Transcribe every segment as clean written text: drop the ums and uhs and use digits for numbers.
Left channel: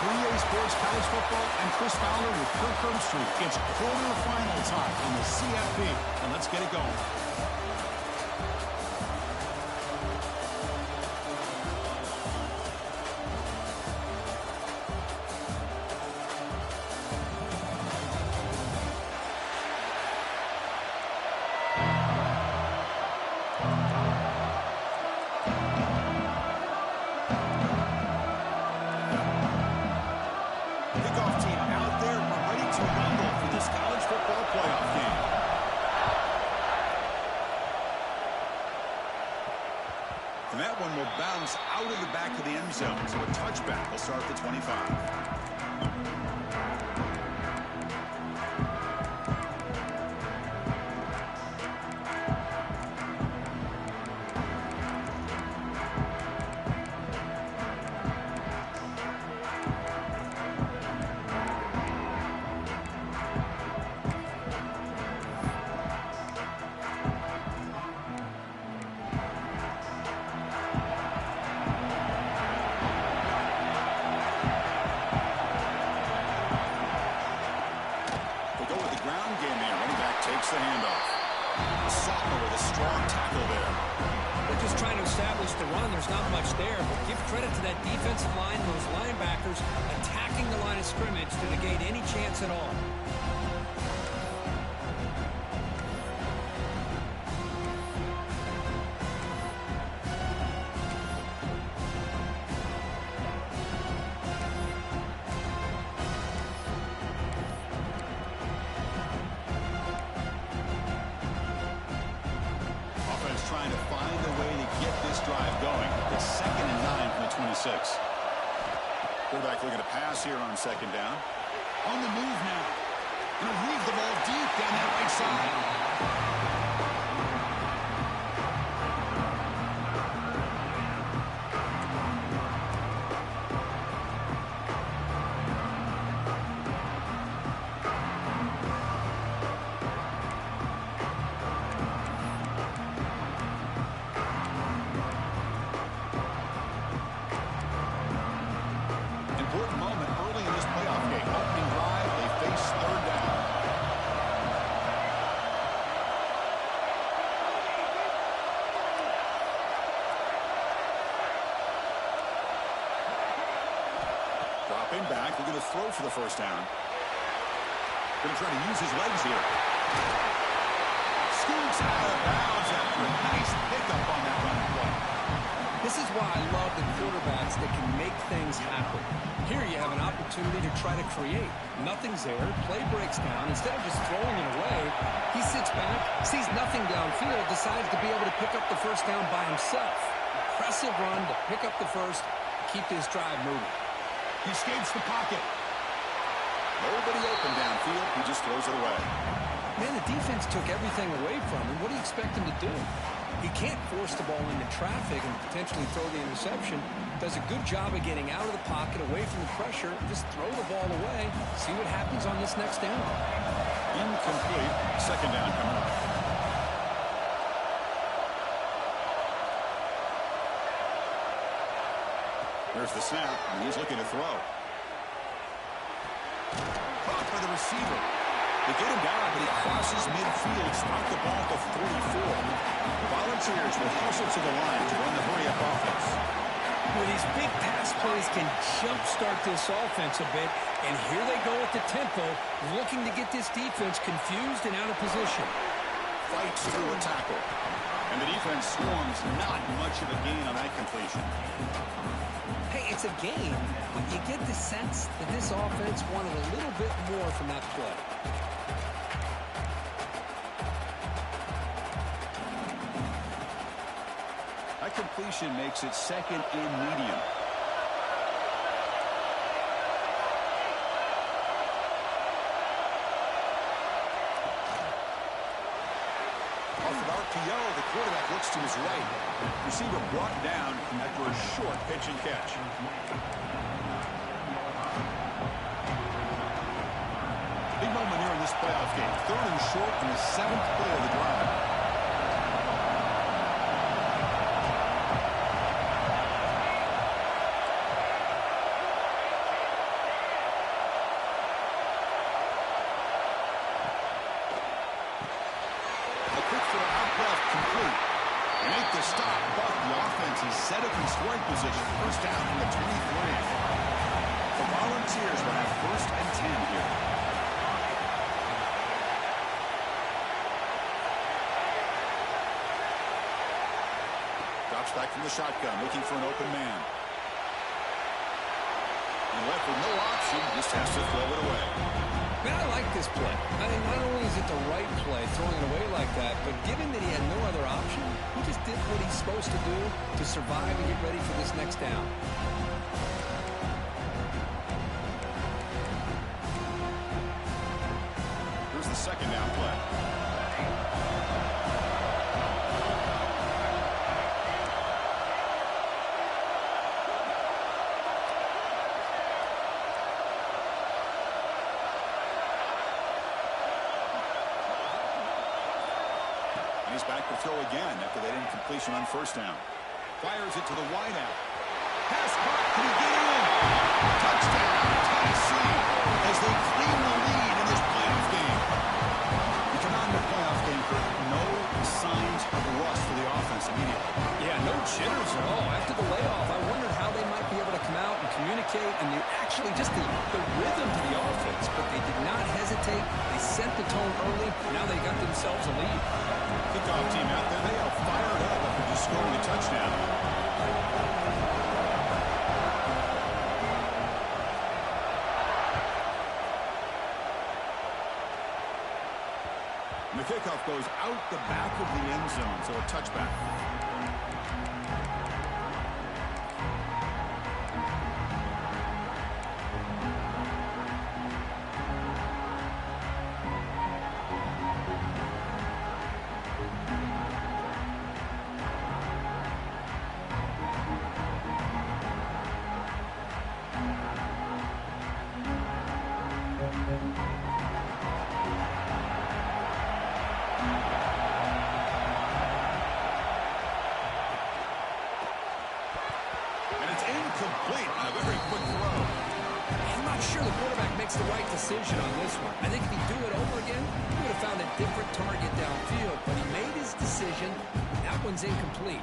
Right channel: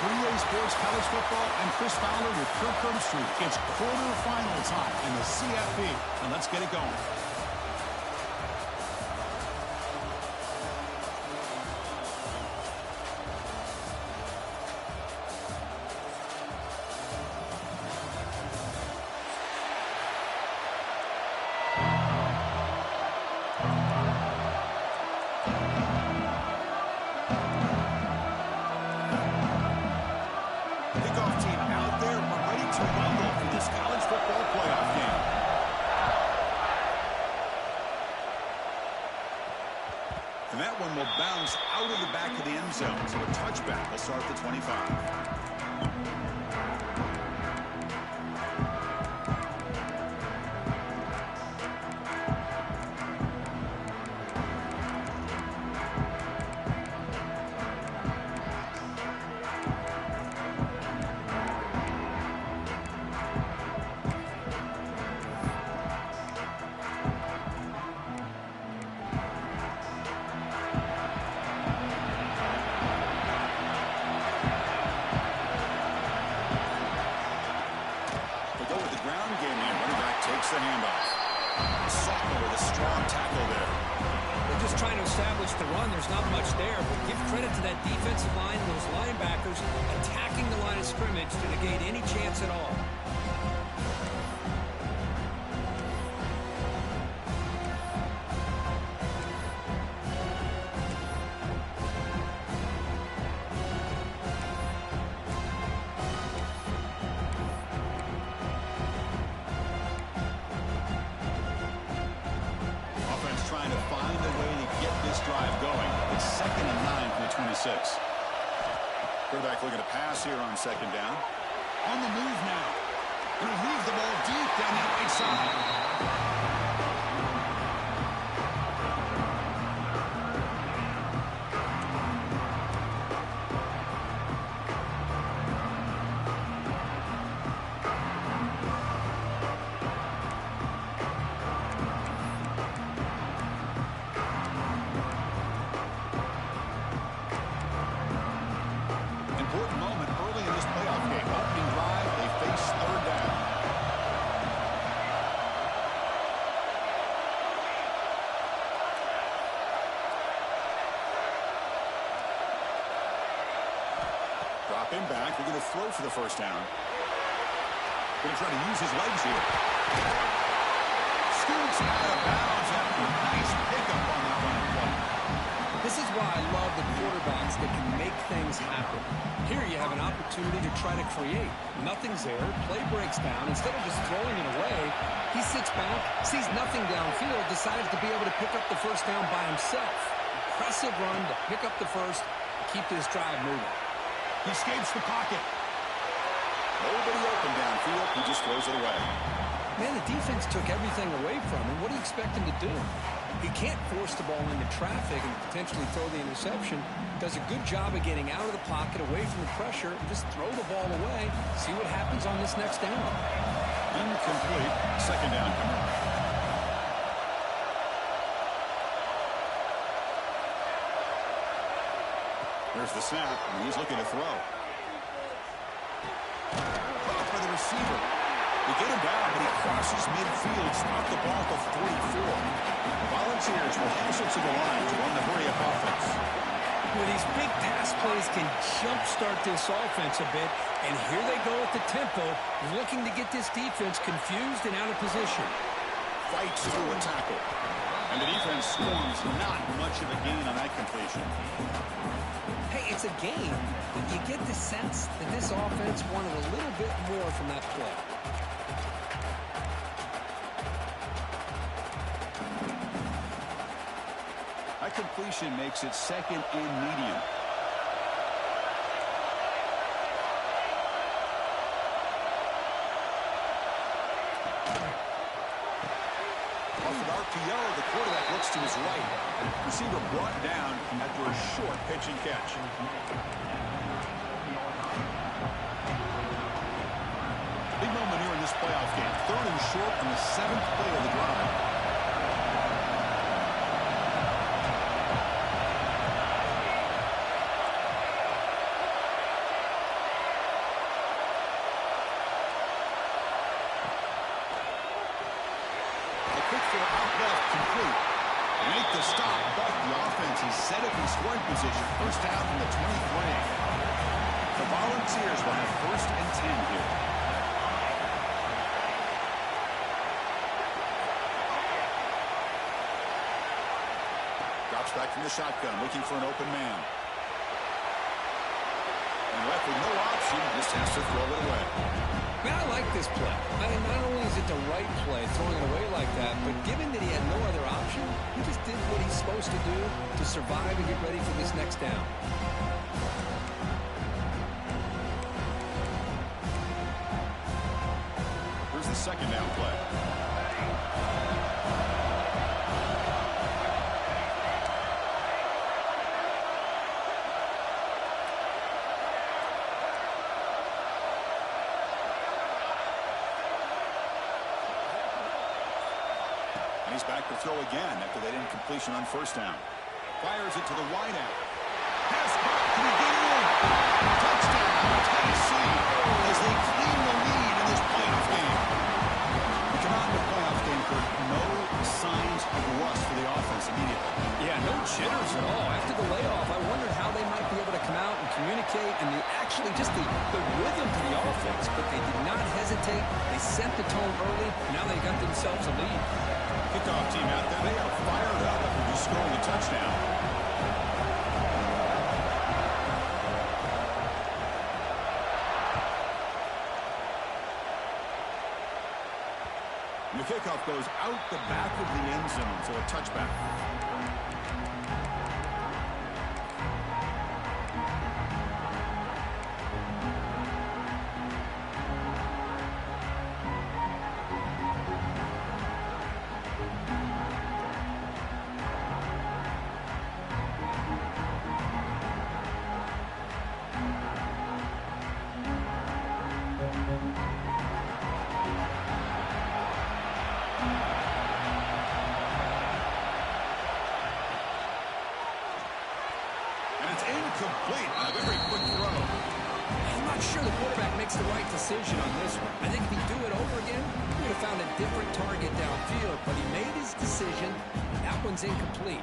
3A Sports College Football. I'm Chris Fowler with Kirk Herbstreit. It's quarterfinal time in the CFP, and let's get it going. And that one will bounce out of the back of the end zone. So a touchback will start at the 25. Takes the handoff. The sophomore with a strong tackle there. They're just trying to establish the run. There's not much there, but give credit to that defensive line and those linebackers attacking the line of scrimmage to negate any chance at all. Trying to find a way to get this drive going. It's 2nd and 9 from the 26. Quarterback looking to pass here on 2nd down. On the move now. Going to leave the ball deep down that right side. Dropping back, we're going to throw for the first down. Going to try to use his legs here. Scoots out of bounds after a nice pickup on that running play. This is why I love the quarterbacks that can make things happen. Here you have an opportunity to try to create. Nothing's there. Play breaks down. Instead of just throwing it away, he sits back, sees nothing downfield, decides to be able to pick up the first down by himself. Impressive run to pick up the first, keep this drive moving. He escapes the pocket. Nobody open downfield. He just throws it away. Man, the defense took everything away from him. What do you expect him to do? He can't force the ball into traffic and potentially throw the interception. Does a good job of getting out of the pocket, away from the pressure. Just throw the ball away. See what happens on this next down. Incomplete. 2nd down coming up. There's the snap, and he's looking to throw. Caught by the receiver. They get him down, but he crosses midfield, stop the ball at the 44. The Volunteers will hustle to the line to run the hurry-up offense. Well, these big pass plays can jumpstart this offense a bit, and here they go at the tempo, looking to get this defense confused and out of position. Fights through a tackle. And the defense swarms, not much of a gain on that completion. Hey, it's a game, but you get the sense that this offense wanted a little bit more from that play. That completion makes it 2nd and medium. Off an RPO, the quarterback looks to his right. Receiver brought down after a short pitch and catch. Big moment here in this playoff game. 3rd and short on the 7th play of the drive. for out left, complete. They make the stop, but the offense is set up in scoring position. First down from the 23. The Volunteers will have 1st and 10 here. Drops back from the shotgun, looking for an open man. And left with no option, just has to throw it away. Man, I like this play. I mean, not only is it the right play, throwing it away like that, but given that he had no other option, he just did what he's supposed to do to survive and get ready for this next down. Here's the 2nd down play. And he's back to throw again after that incompletion on 1st down. Fires it to the wideout. Pass caught. Can he get it in? Touchdown, Tennessee, as they claim the lead in this playoff game. We come out in the playoff game, Kurt. No signs of rust for the offense immediately. Yeah, no jitters at all. After the layoff, I wondered how they might be able to come out and communicate and actually just the rhythm to the offense. But they did not hesitate. They set the tone early. Now they got themselves a lead. Kickoff team out there, they are fired up after just scoring a touchdown. And the kickoff goes out the back of the end zone, so a touchback. Incomplete on a very quick throw. I'm not sure the quarterback makes the right decision on this one. I think if he'd do it over again, he would have found a different target downfield, but he made his decision. That one's incomplete.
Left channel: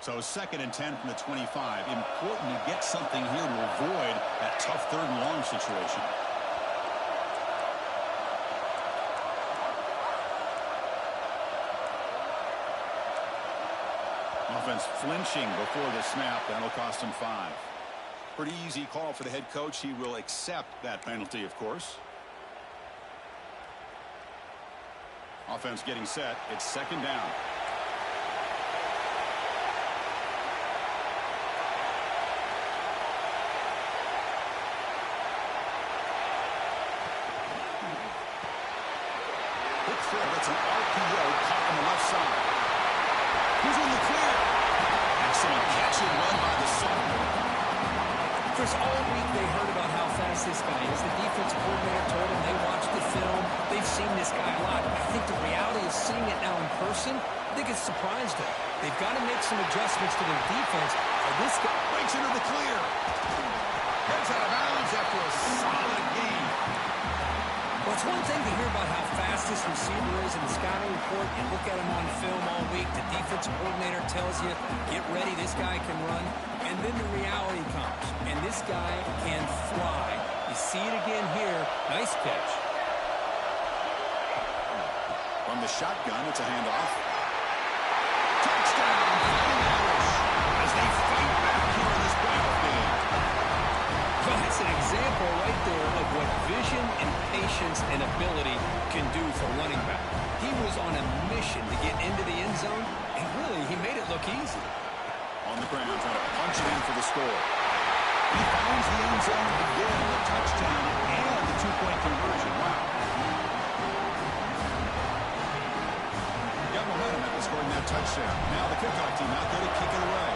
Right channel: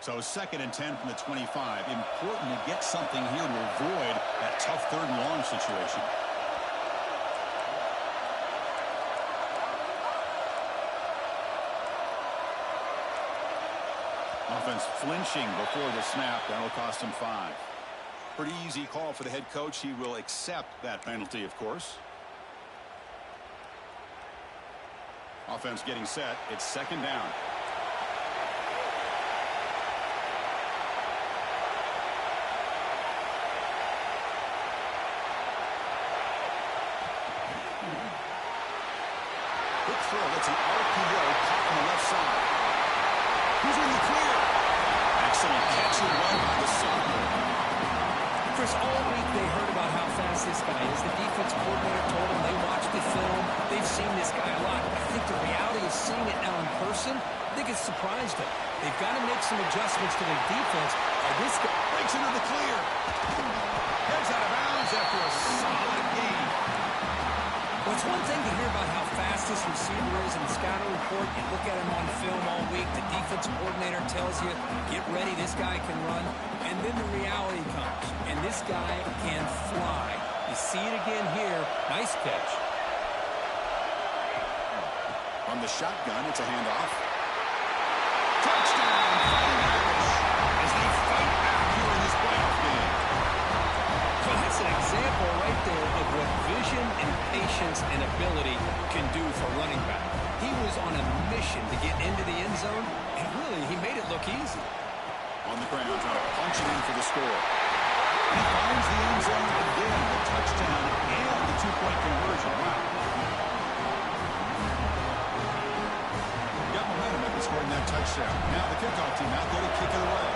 So 2nd and 10 from the 25. Important to get something here to avoid that tough 3rd and long situation. Offense flinching before the snap. That'll cost him 5. Pretty easy call for the head coach. He will accept that penalty, of course. Offense getting set. It's 2nd down. Quick throw. That's an RPO caught on the left side. Who's in the clear? Excellent catch and run by the sophomore. Chris, all week they heard about how fast this guy is. The defense coordinator told them they watched the film. They've seen this guy a lot. I think the reality of seeing it now in person, I think it's surprised them. They've got to make some adjustments to their defense. This guy breaks into the clear. Heads out of bounds after a solid game. Well, it's one thing to hear about how fast this receiver is in the scouting report. You look at him on film all week. The defensive coordinator tells you, get ready, this guy can run. And then the reality comes, and this guy can fly. You see it again here. Nice catch. From the shotgun, it's a handoff. Touchdown, Fighting Irish, as they fight back here in this playoff game. Well, that's an example right there of what vision and patience and ability can do for running back. He was on a mission to get into the end zone, and really, he made it look easy. On the ground, trying to punch it in for the score. And he finds the end zone again, the touchdown and the two-point conversion. Wow. Got momentum after scoring that touchdown. Now the kickoff team out there to kick it away.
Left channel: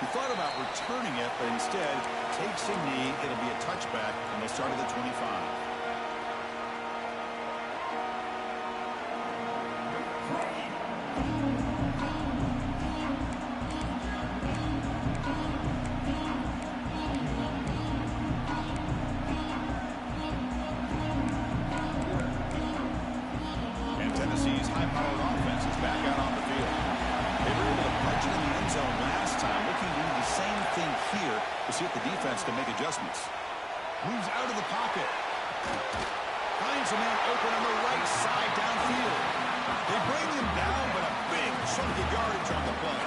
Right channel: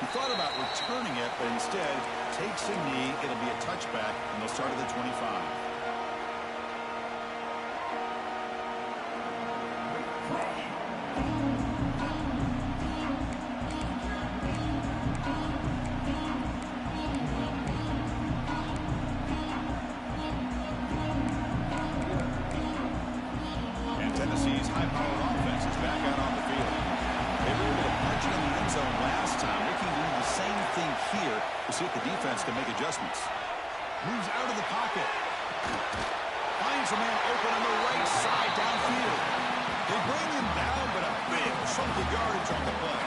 He thought about returning it, but instead takes a knee. It'll be a touchback, and they'll start at the 25. And Tennessee's high-powered offense is back out on the field. They were able to punch it in the end zone last time. Looking to do the same thing here to see if the defense can make adjustments. Moves out of the pocket. Finds a man open on the right side downfield. They bring him down, but a big chunk of yardage on the play.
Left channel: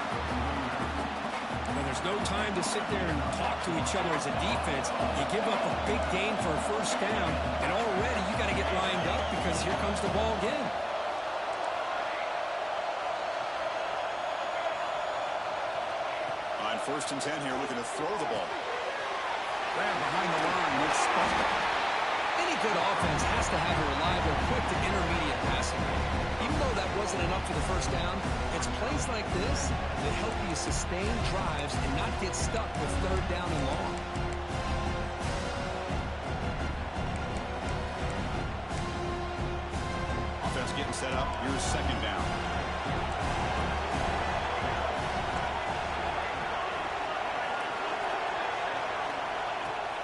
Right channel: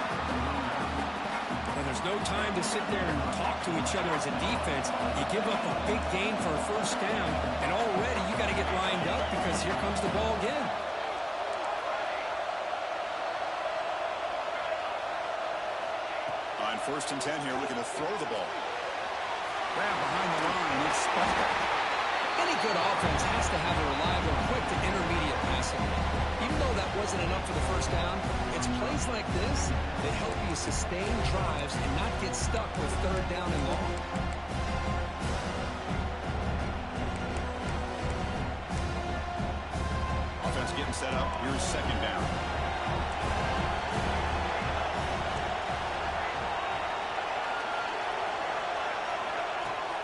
And there's no time to sit there and talk to each other as a defense. You give up a big gain for a first down, and already you got to get lined up because here comes the ball again. On 1st and 10 here, looking to throw the ball. Grab behind the line. It's Sparta. Any good offense has to have a reliable, quick to intermediate passing game. Even though that wasn't enough for the first down, it's plays like this that help you sustain drives and not get stuck with 3rd down and long. Offense getting set up. Here's 2nd down.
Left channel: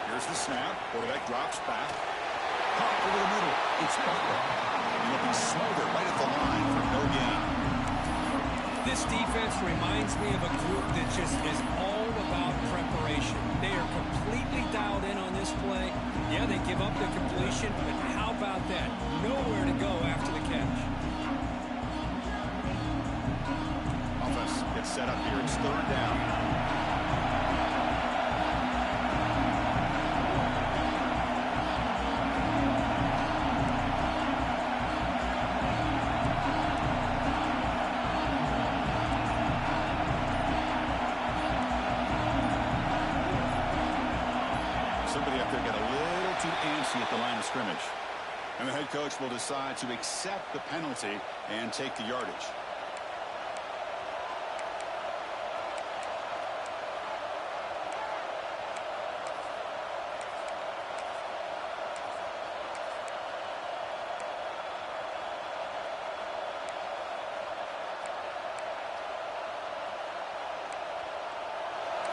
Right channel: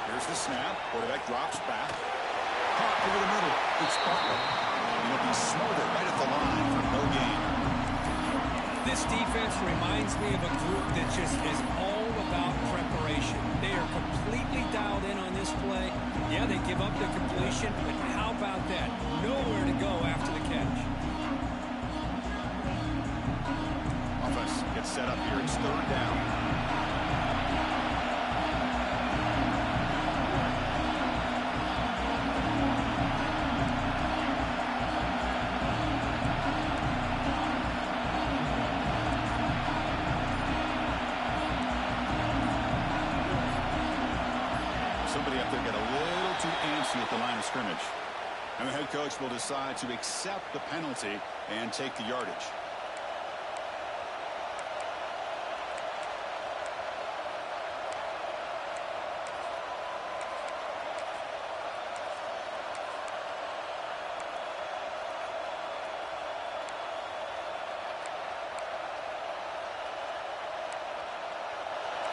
Here's the snap. Quarterback drops back. Caught over the middle. It's Butler. And he'll be smothered right at the line for no gain. This defense reminds me of a group that just is all about preparation. They are completely dialed in on this play. Yeah, they give up the completion, but how about that? Nowhere to go after the catch. Offense gets set up here. It's 3rd down. Somebody up there got a little too antsy at the line of scrimmage. And the head coach will decide to accept the penalty and take the yardage.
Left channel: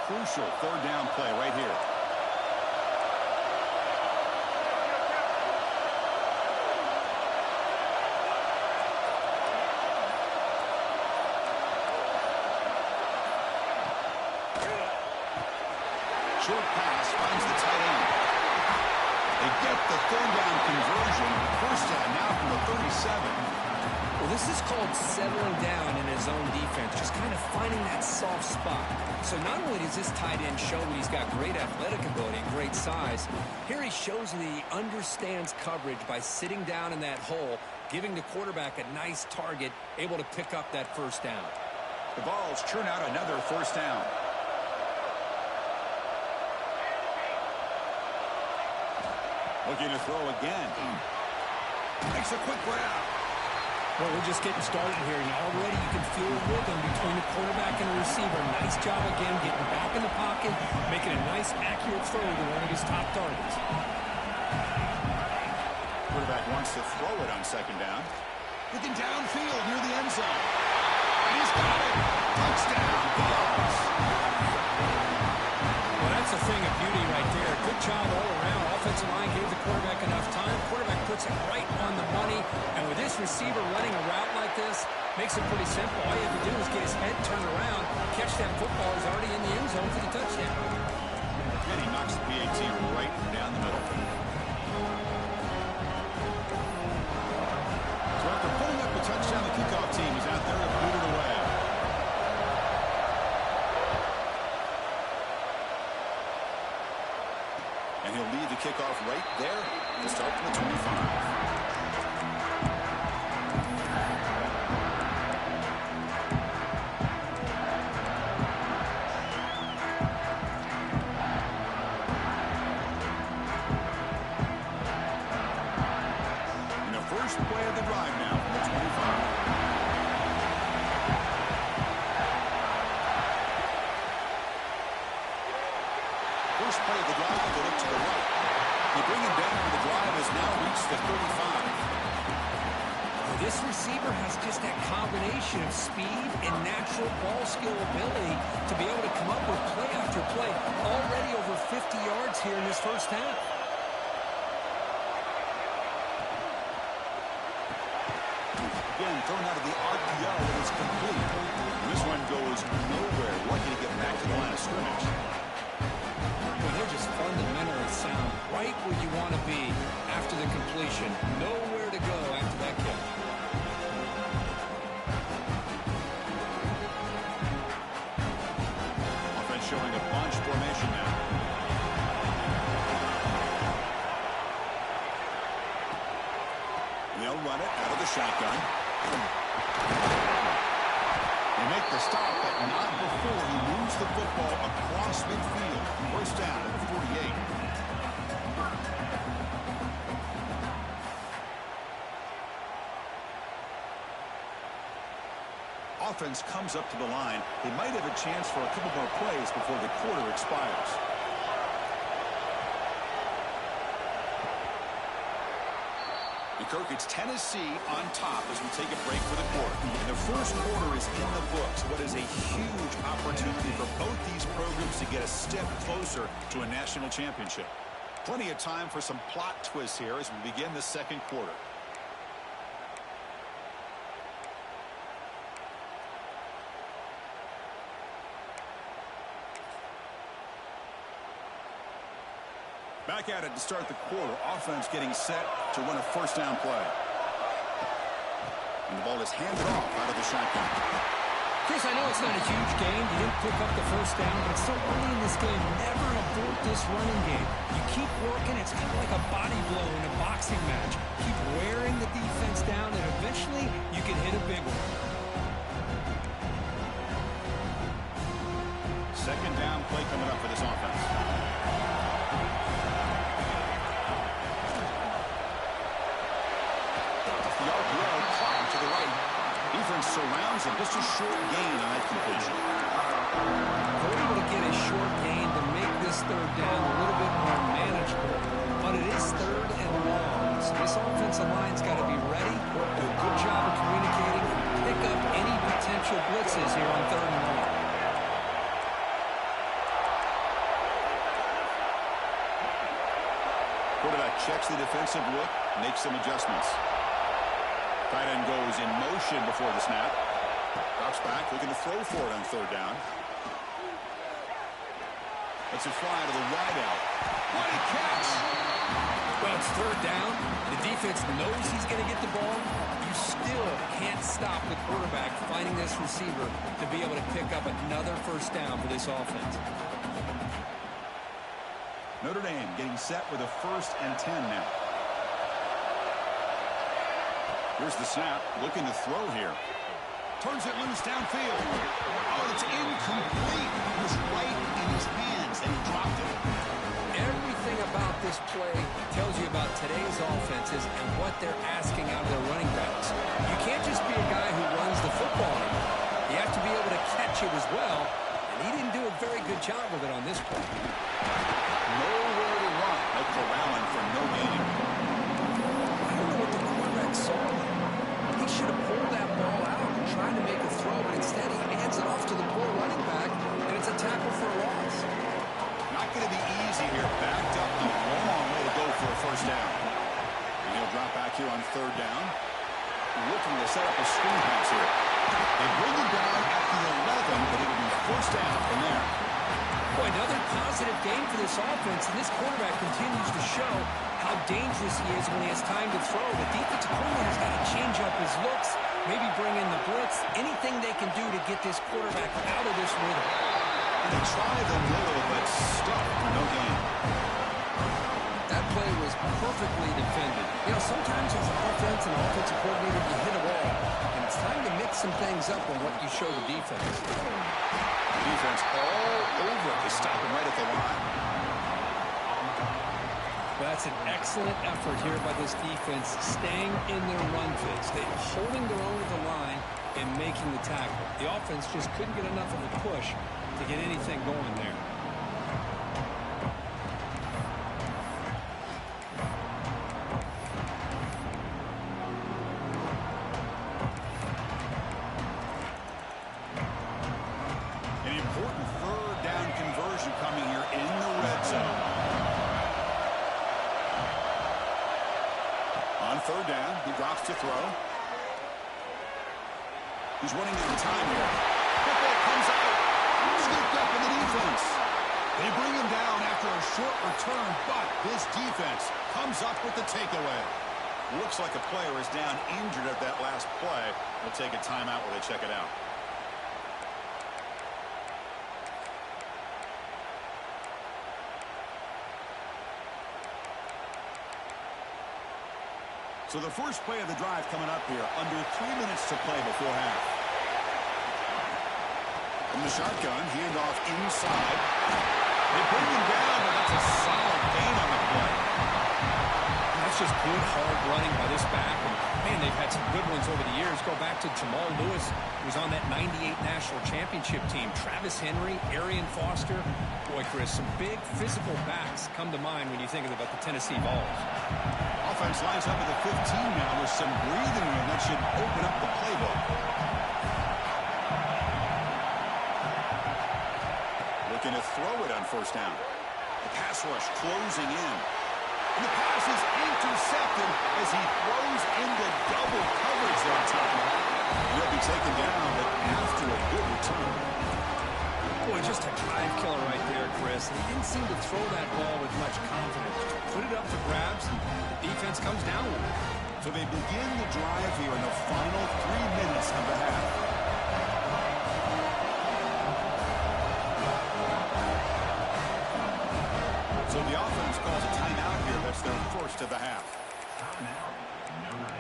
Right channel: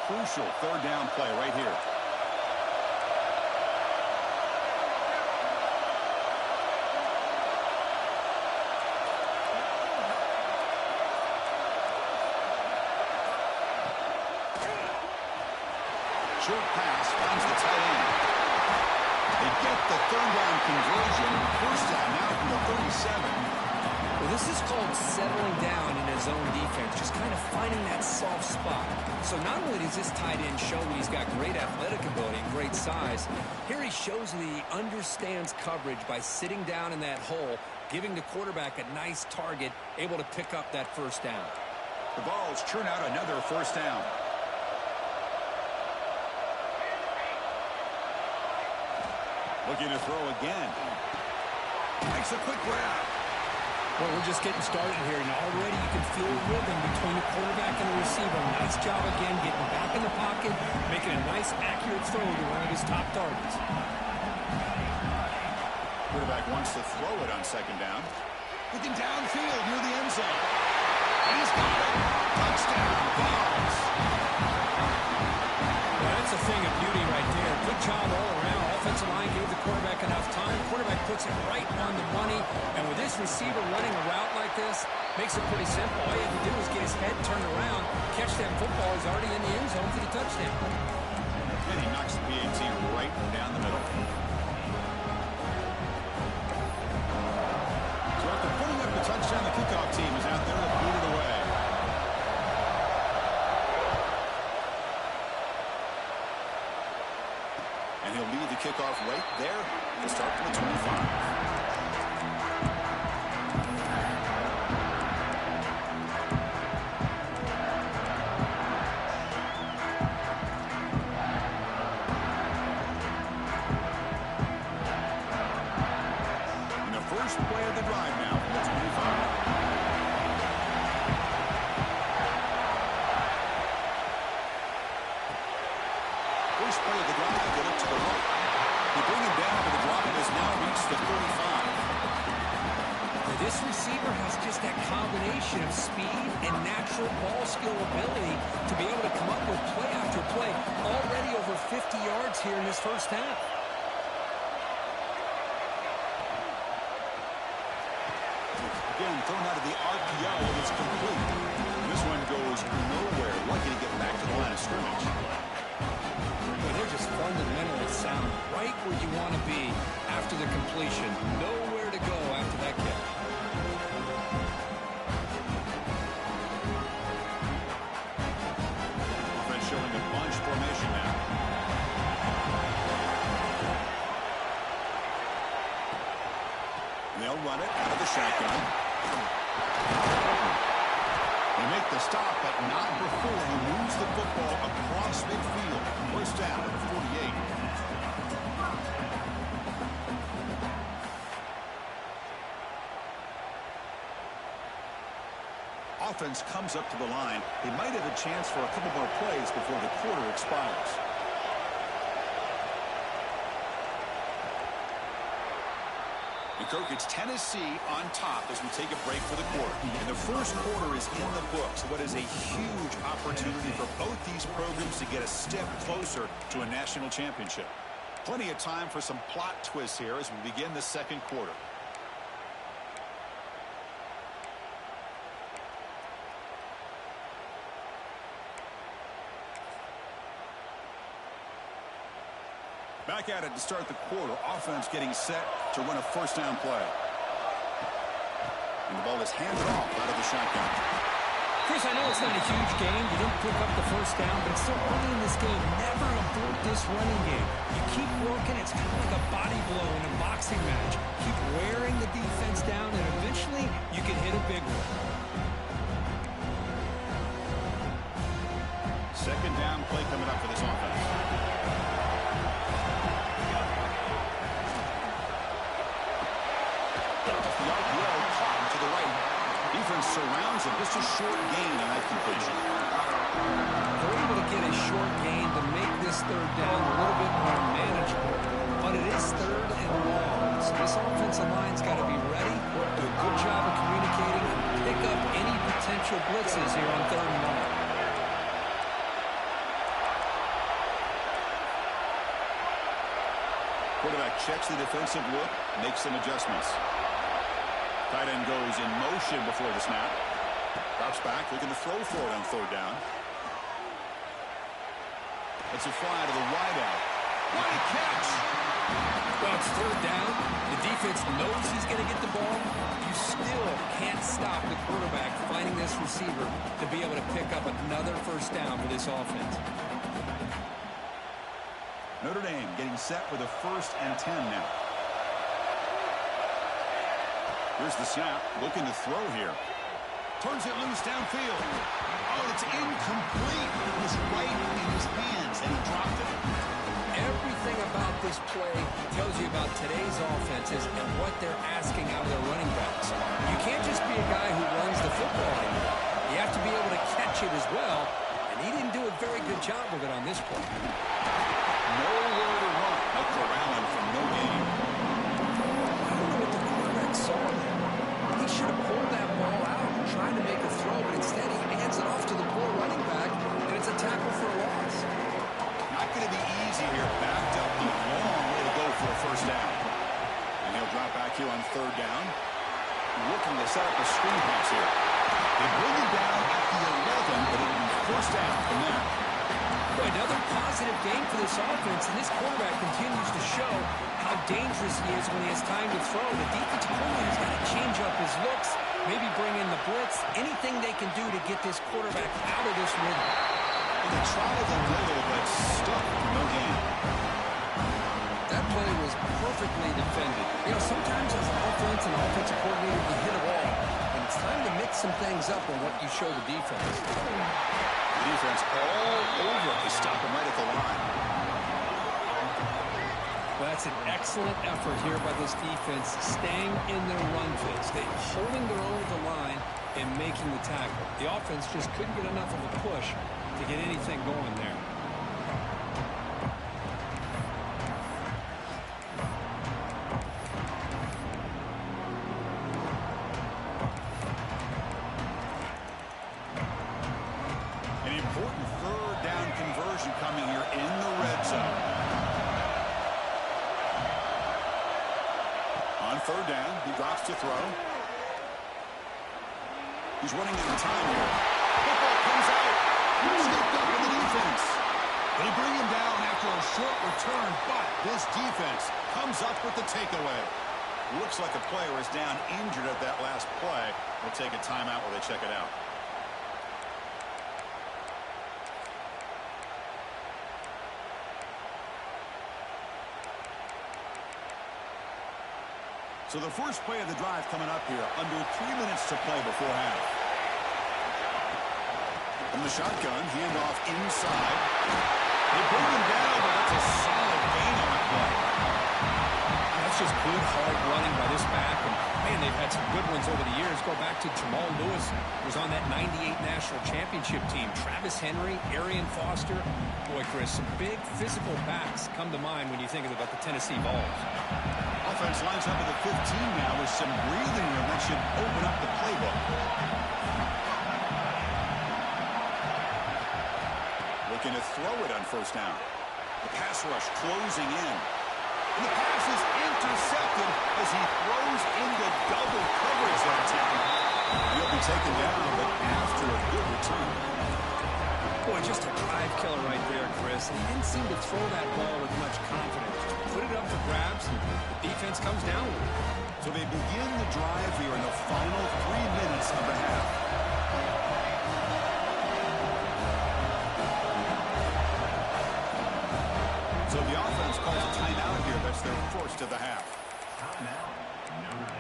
Crucial 3rd down play right here. Short pass finds the tight end. They get the 3rd down conversion. 1st down now from the 37. Well, this is called settling down in his own defense, just kind of finding that soft spot. So not only does this tight end show that he's got great athletic ability and great size, here he shows that he understands coverage by sitting down in that hole, giving the quarterback a nice target, able to pick up that 1st down. The Vols churn out another 1st down. Looking to throw again. Makes a quick grab. Well, we're just getting started here, and already you can feel a rhythm between the quarterback and the receiver. Nice job again getting back in the pocket, making a nice, accurate throw to one of his top targets. Quarterback wants to throw it on 2nd down. Looking downfield near the end zone. And he's got it. Touchdown, Vols. Well, that's a thing of beauty right there. Good job all around. Offensive line gave the quarterback enough time. Quarterback puts it right on the money. And with this receiver running a route like this, makes it pretty simple. All you have to do is get his head turned around, catch that football. He's already in the end zone for the touchdown. And he knocks the PAT right down the middle. So after putting up the touchdown, the kickoff team is out there to boot it away. And he'll lead the kickoff right there. He'll start from the 25. First play of the drive now from the 25. First play of the drive, they look to the right. They bring him down, but the drive has now reached the 35. This receiver has just that combination of speed and natural ball skill ability to be able to come up with play after play. Already over 50 yards here in this first half. Again, thrown out of the RPO, and it's complete. And this one goes nowhere. Lucky to get back to the line of scrimmage. Well, they're just fundamentally sound right where you want to be after the completion. Nowhere to go after that catch. Offense showing a bunch formation now. They'll run it out of the shotgun. They make the stop, but not before he moves the football across midfield. First down at the 48. Offense comes up to the line. They might have a chance for a couple more plays before the quarter expires. And Kirk, it's Tennessee on top as we take a break for the quarter. And the first quarter is in the books. What is a huge opportunity for both these programs to get a step closer to a national championship. Plenty of time for some plot twists here as we begin the second quarter. Back at it to start the quarter. Offense getting set to run a first down play. And the ball is handed off out of the shotgun. Chris, I know it's not a huge game. You didn't pick up the first down, but it's still early in this game. Never abort this running game. You keep working. It's kind of like a body blow in a boxing match. Keep wearing the defense down, and eventually you can hit a big one. Second down play coming up for this offense. The RPO caught to the right. Defense surrounds him. Just a short gain on that completion. They're able to get a short gain to make this third down a little bit more manageable. But it is third and long. So this offensive line's got to be ready, do a good job of communicating, and pick up any potential blitzes here on third and long. Quarterback checks the defensive look, makes some adjustments. Tight end goes in motion before the snap. Drops back, looking to throw for it on third down. Lets it fly to the wideout. What a catch! Well, it's third down. The defense knows he's going to get the ball. You still can't stop the quarterback finding this receiver to be able to pick up another first down for this offense. Notre Dame getting set with a 1st and 10 now. Here's the snap, looking to throw here. Turns it loose downfield. Oh, it's incomplete. It was right in his hands, and he dropped it. Everything about this play tells you about today's offenses and what they're asking out of their running backs. You can't just be a guy who runs the football anymore. You have to be able to catch it as well, and he didn't do a very good job of it on this play. Nowhere to run. No corralling for no gain. I don't know what the quarterback saw there. He should have pulled that ball out and tried to make a throw, but instead he hands it off to the poor running back, and it's a tackle for a loss. Not going to be easy here. Backed up a long way to go for a first down. And he'll drop back here on third down. Looking to set up a screen pass here. They bring him down at the 11, but it'll be first down from there. Boy, another positive game for this offense, and this quarterback continues to show how dangerous he is when he has time to throw. The defensive coordinator's got to change up his looks, maybe bring in the blitz, anything they can do to get this quarterback out of this rhythm. And they try the middle, but stuck for no gain. That play was perfectly defended. You know, sometimes as an offense and offensive coordinator, you hit a wall, and it's time to mix some things up on what you show the defense. The defense all over it. They stop him right at the line. Well, that's an excellent effort here by this defense, staying in their run fits. They're holding their own at the line and making the tackle. The offense just couldn't get enough of a push to get anything going there. An important third down conversion coming here in the red zone. On third down, he drops to throw. He's running out of time here. Football comes out. Scooped up in the defense. They bring him down after a short return, but this defense comes up with the takeaway. Looks like a player is down injured at that last play. We'll take a timeout while they check it out. So the first play of the drive coming up here, under 3 minutes to play before half. From the shotgun, handoff inside. They bring him down, but that's a solid gain on the play. That's just good, hard running by this back. And, man, they've had some good ones over the years. Go back to Jamal Lewis, who was on that 98 National Championship team. Travis Henry, Arian Foster. Boy, Chris, some big physical backs come to mind when you think about the Tennessee Vols. Offense lines up at the 15 now with some breathing room. That should open up the playbook. Looking to throw it on first down. The pass rush closing in. And the pass is intercepted as he throws into double coverage that time. And he'll be taken down, but after a good return. Boy, just a drive killer right there, Chris. He didn't seem to throw that ball with much confidence. Just put it up for grabs, and the defense comes down with it. So they begin the drive here in the final 3 minutes of the half. So the offense calls a timeout here. That's their first of the half. Timeout, number 8.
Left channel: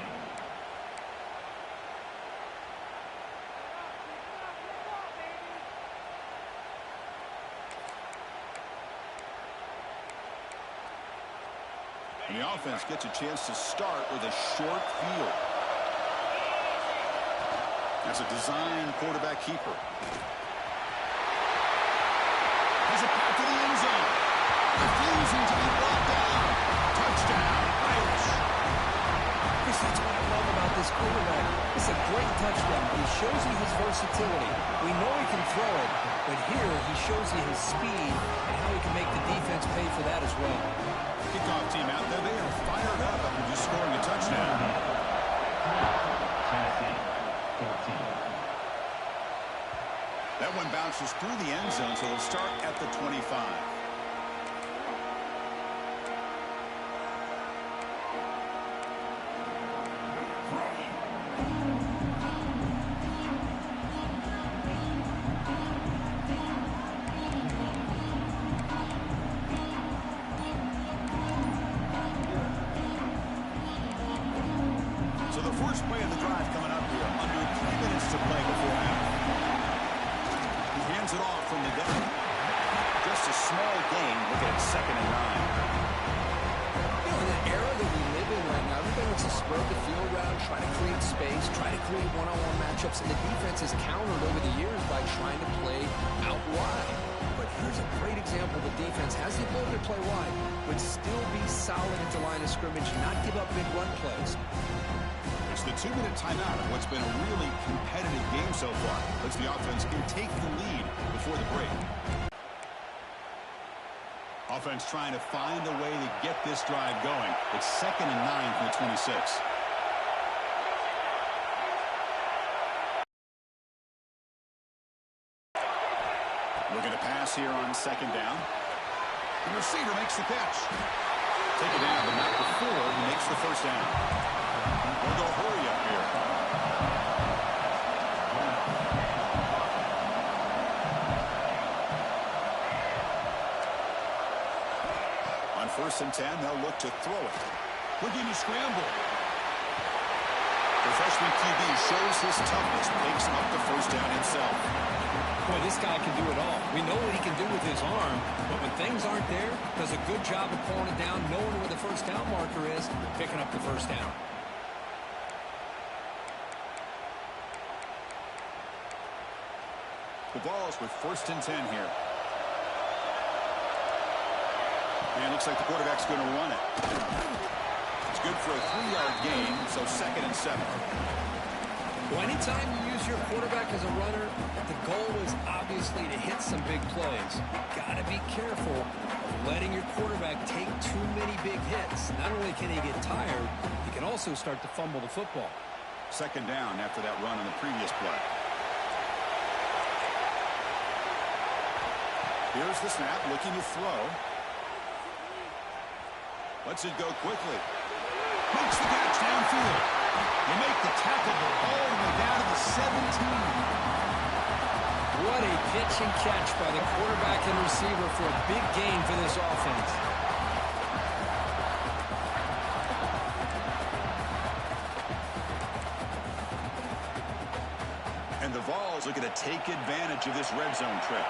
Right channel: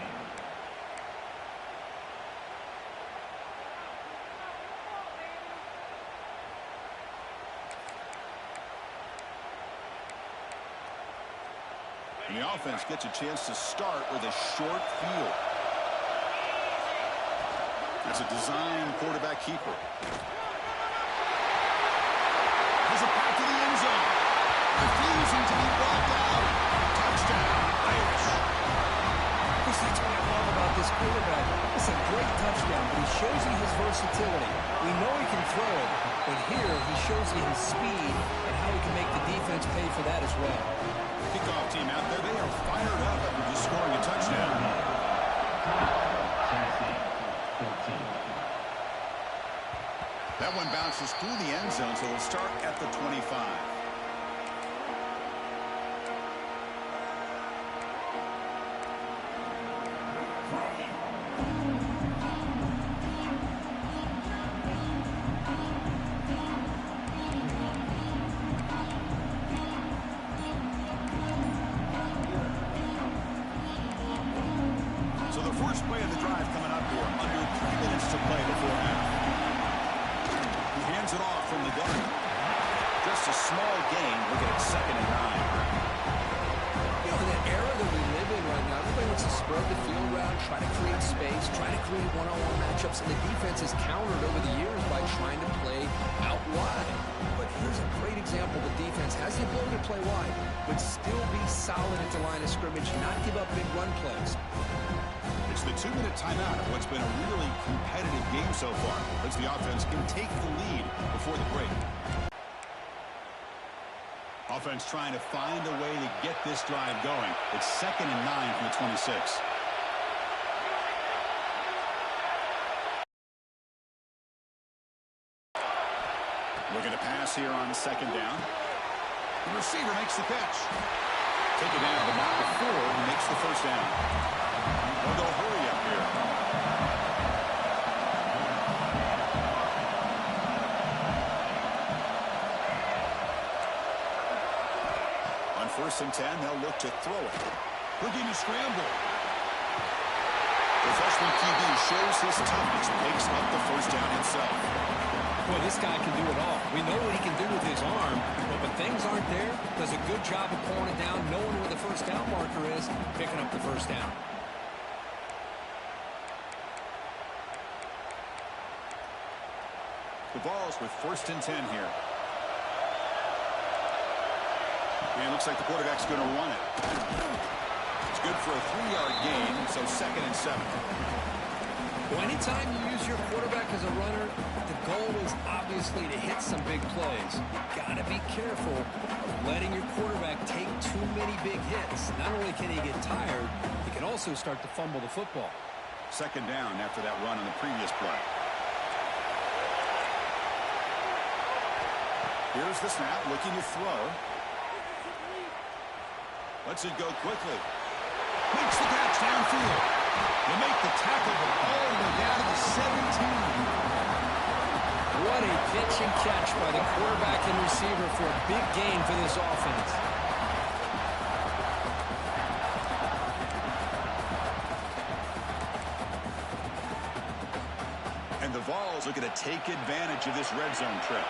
And the offense gets a chance to start with a short field. That's a design quarterback keeper. Has a path to the end zone. Refusing to be brought down. Touchdown, Irish. Chris, that's what I love about this quarterback. It's a great touchdown, but he shows you his versatility. We know he can throw it, but here he shows you his speed and how he can make the defense pay for that as well. Kickoff team out there. They are fired up after just scoring a touchdown. Tennessee, 14. That one bounces through the end zone, so they'll start at the 25. First play of the drive coming up here. Under 3 minutes to play before half. He hands it off from the gun. Just a small gain. Looking at 2nd and 9. You know, in the era that we live in right now, everybody wants to spread the field around, try to create space, try to create one-on-one matchups, and the defense has countered over the years by trying to play out wide. But here's a great example. The defense has the ability to play wide, but still be solid at the line of scrimmage, not give up big run plays. It's the 2-minute timeout of what's been a really competitive game so far. As the offense can take the lead before the break. Offense trying to find a way to get this drive going. It's 2nd and 9 from the 26. Looking to pass here on 2nd down. The receiver makes the catch. Take it down, but not before he makes the first down. They'll go hurry up here. On 1st and 10, they'll look to throw it. Looking to scramble. The freshman QB shows his toughness, picks up the first down himself. Boy, this guy can do it all. We know what he can do with his arm, but when things aren't there, does a good job of pulling it down, knowing where the first down marker is, picking up the first down. The ball's with 1st and 10 here. And it looks like the quarterback's going to run it. It's good for a 3-yard gain, so 2nd and 7. Well, anytime you use your quarterback as a runner, the goal is obviously to hit some big plays. You got to be careful of letting your quarterback take too many big hits. Not only can he get tired, he can also start to fumble the football. 2nd down after that run on the previous play. Here's the snap, looking to throw. Lets it go quickly. Makes the catch downfield. They make the tackle, but all the way down to the 17. What a pitch and catch by the quarterback and receiver for a big gain for this offense. And the Vols looking to take advantage of this red zone trip.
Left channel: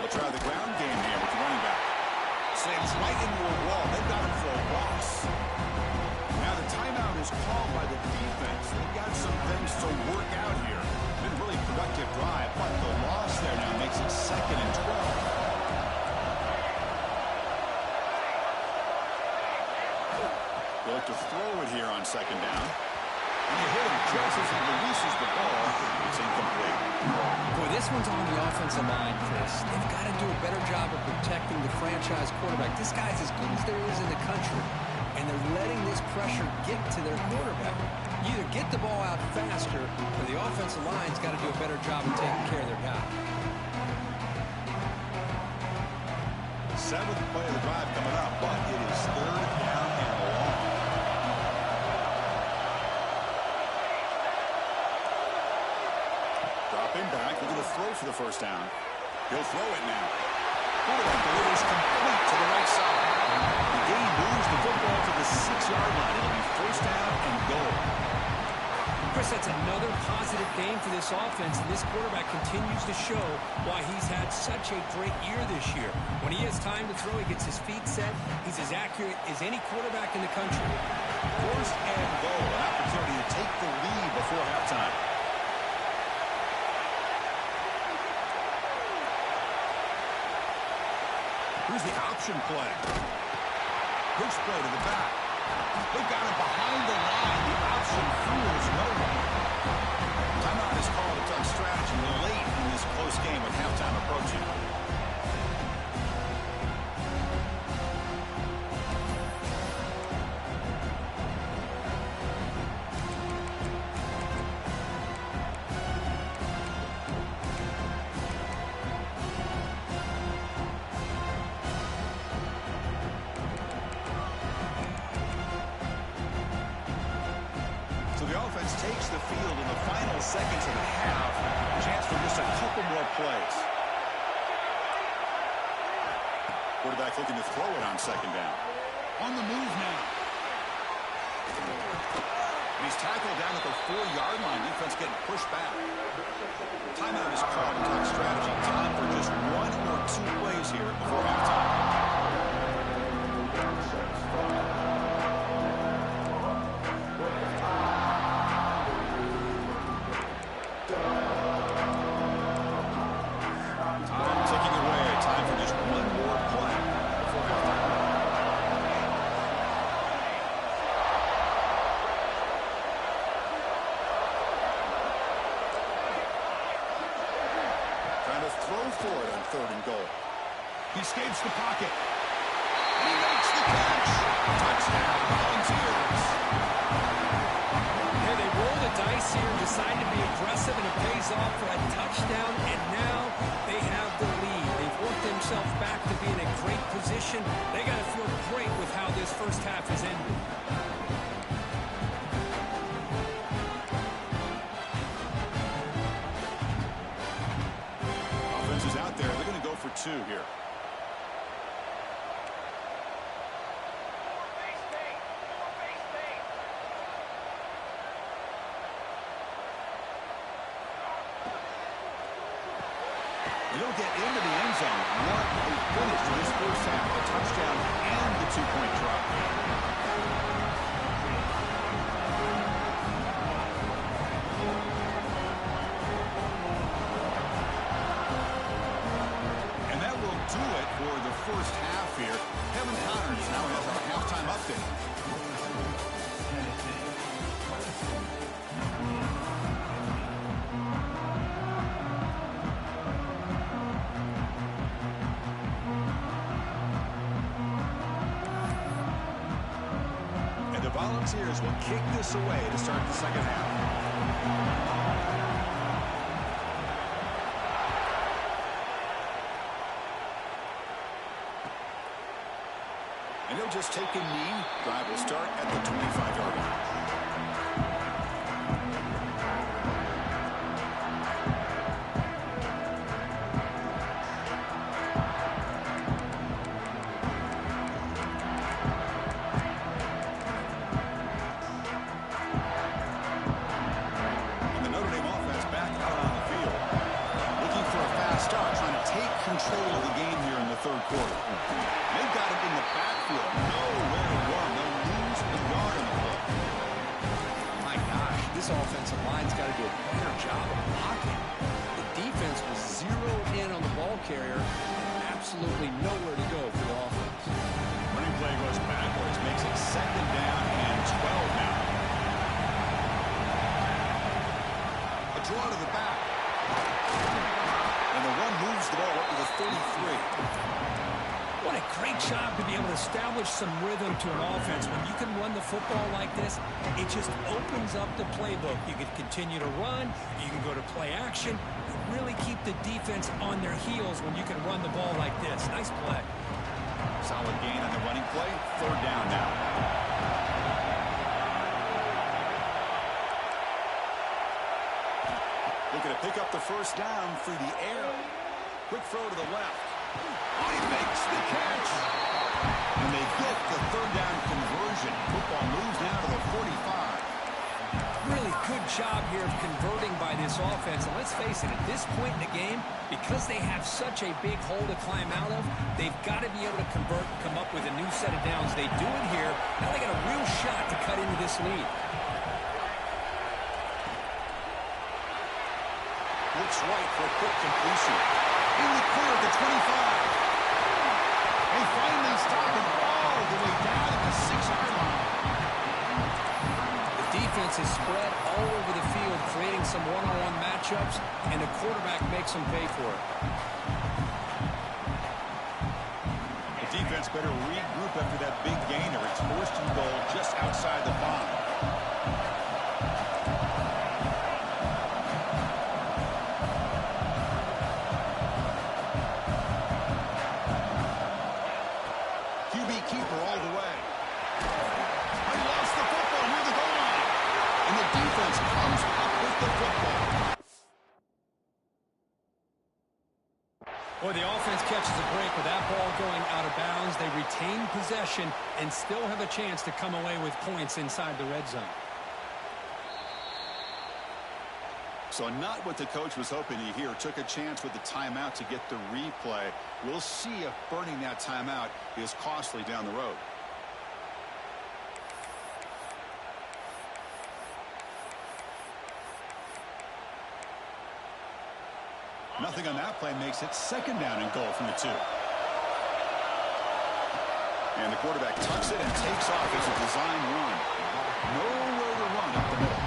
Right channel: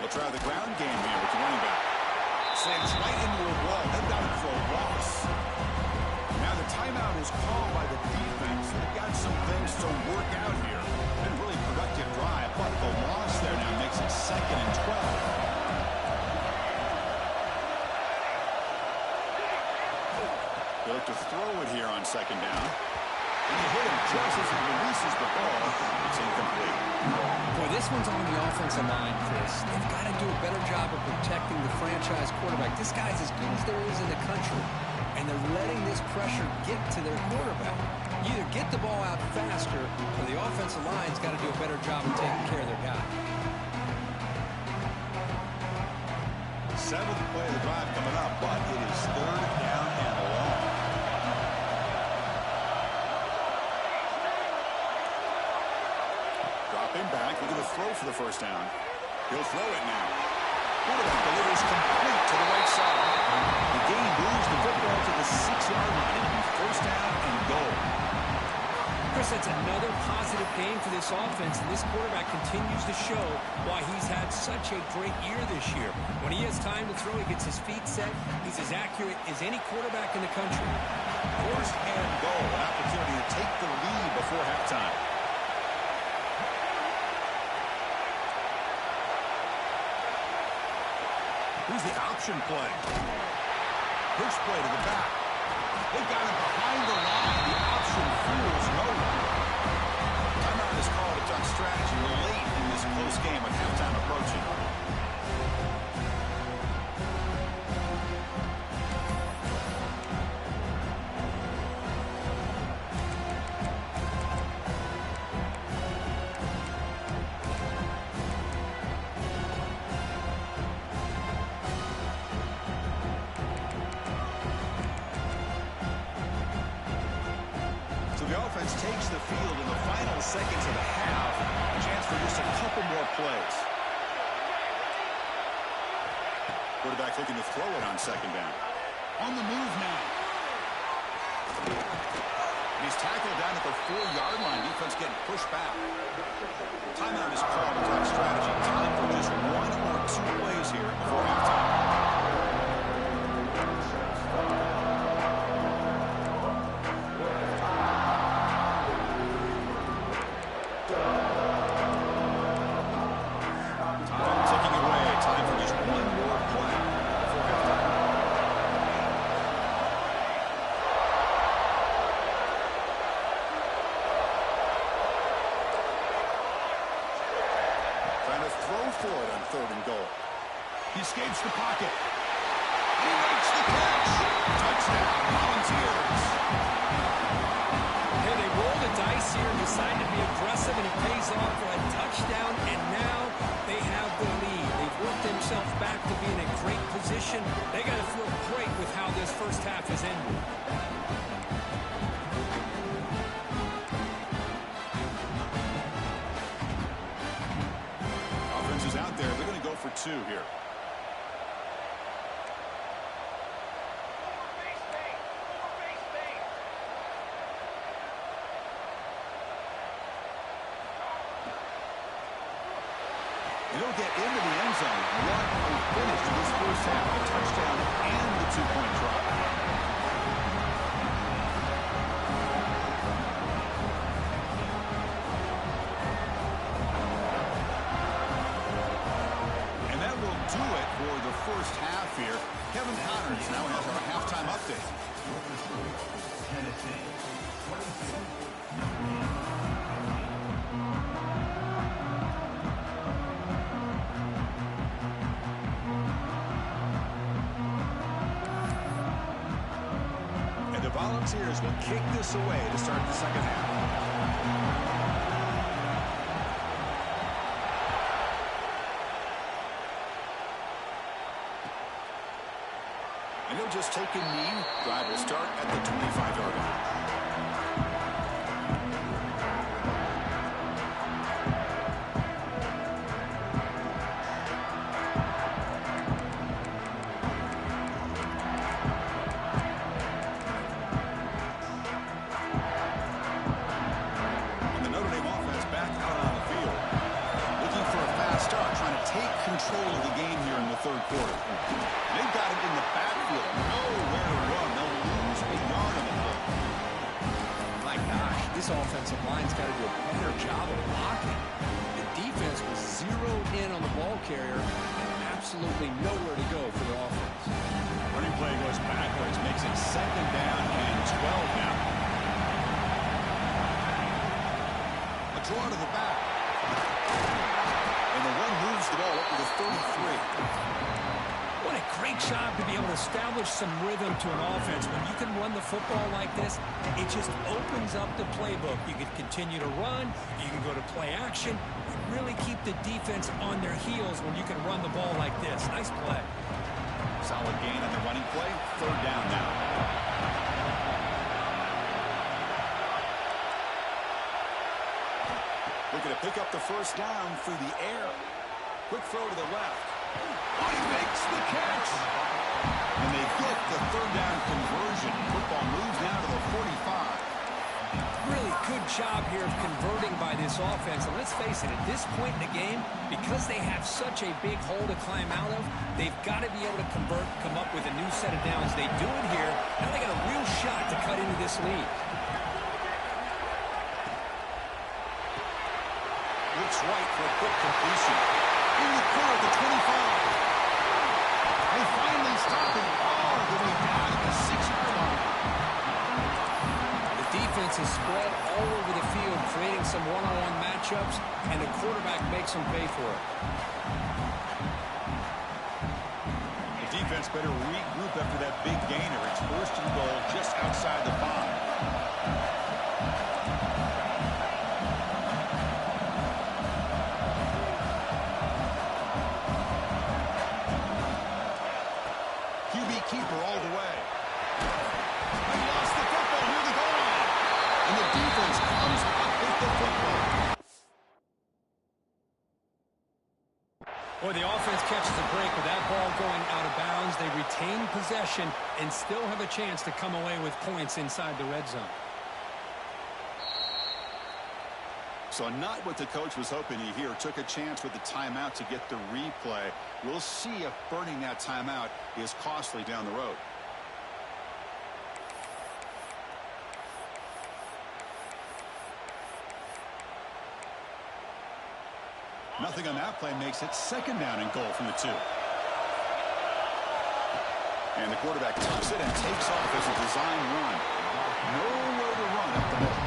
They'll try the ground game here with the running back. Slams right into a wall. They've got him for a loss. Now the timeout is called by the defense. They've got some things to work out here. Been a really productive drive, but the loss there now makes it 2nd and 12. They look to throw it here on 2nd down. And they hit him just as he releases the ball. It's incomplete. Boy, this one's on the offensive line, Chris. They've got to do a better job of protecting the franchise quarterback. This guy's as good as there is in the country, and they're letting this pressure get to their quarterback. You either get the ball out faster, or the offensive line's got to do a better job of taking care of their guy. 7th play of the drive coming up, but it is 3rd down and long. Dropping back, looking to throw for the 1st down. He'll throw it now. Quarterback delivers complete to the right side. The game moves the football to the 6-yard line. It'll be 1st down and goal. Chris, that's another positive game for this offense, and this quarterback continues to show why he's had such a great year this year. When he has time to throw, he gets his feet set. He's as accurate as any quarterback in the country. 1st and goal, an opportunity to take the lead before halftime. Here's the option play. Push play to the back. They've got him behind the line. The option fools no one. Timeout is called to talk strategy late in this close game with halftime approaching. So the offense takes the field in the final seconds of the half. A chance for just a couple more plays. Quarterback looking to throw it on 2nd down. On the move now. And he's tackled down at the 4-yard line. Defense getting pushed back. Timeout is called to talk strategy. Time for just 1 or 2 plays here before halftime. Throw for it on 3rd and goal. He escapes the pocket. And he makes the catch. Touchdown, Volunteers. Hey, they rolled the dice here and decided to be aggressive, and it pays off for a touchdown, and now they have the lead. They've worked themselves back to be in a great position. They got to feel great with how this first half has ended. 2 here. And he'll get into the end zone. What a finish to this first half. A touchdown and the 2-point drop. And that will do it for the first half here. Kevin Connors now has our halftime update. Volunteers will kick this away to start the second half. And he'll just take a knee. Drive will start at the 25-yard line. Control of the game here in the third quarter. They've got it in the backfield. Nowhere to run. They'll lose a yard on the play. My gosh, this offensive line's got to do a better job of blocking. The defense was zeroed in on the ball carrier and absolutely nowhere to go for the offense. Running play goes backwards, makes it second down and 12 now. A draw to the back. And the run moves the ball up to the 33. What a great job to be able to establish some rhythm to an offense. When you can run the football like this, it just opens up the playbook. You can continue to run. You can go to play action. You really keep the defense on their heels when you can run the ball like this. Nice play. Solid gain on the running play. Third down now. Looking to pick up the first down through the air. Quick throw to the left. Oh, he makes the catch. And they get the third down conversion. Football moves now to the 45. Really good job here of converting by this offense. And let's face it, at this point in the game, because they have such a big hole to climb out of, they've got to be able to convert, come up with a new set of downs. They do it here. Now they got a real shot to cut into this lead. Looks right for a quick completion. In the clear at the 25. They finally stop him all the way down to the 6-yard line. The defense is spread all over the field, creating some one-on-one matchups, and the quarterback makes them pay for it. The defense better regroup after that big gainer. It's first and goal just outside the 5. Keeper all the way. I lost the football near the goal line. And the defense comes up with the football. Boy, the offense catches a break with that ball going out of bounds. They retain possession and still have a chance to come away with points inside the red zone. So not what the coach was hoping to hear. Took a chance with the timeout to get the replay. We'll see if burning that timeout is costly down the road. Nothing on that play makes it second down and goal from the 2. And the quarterback tucks it and takes off as a design run. Nowhere to run up the middle.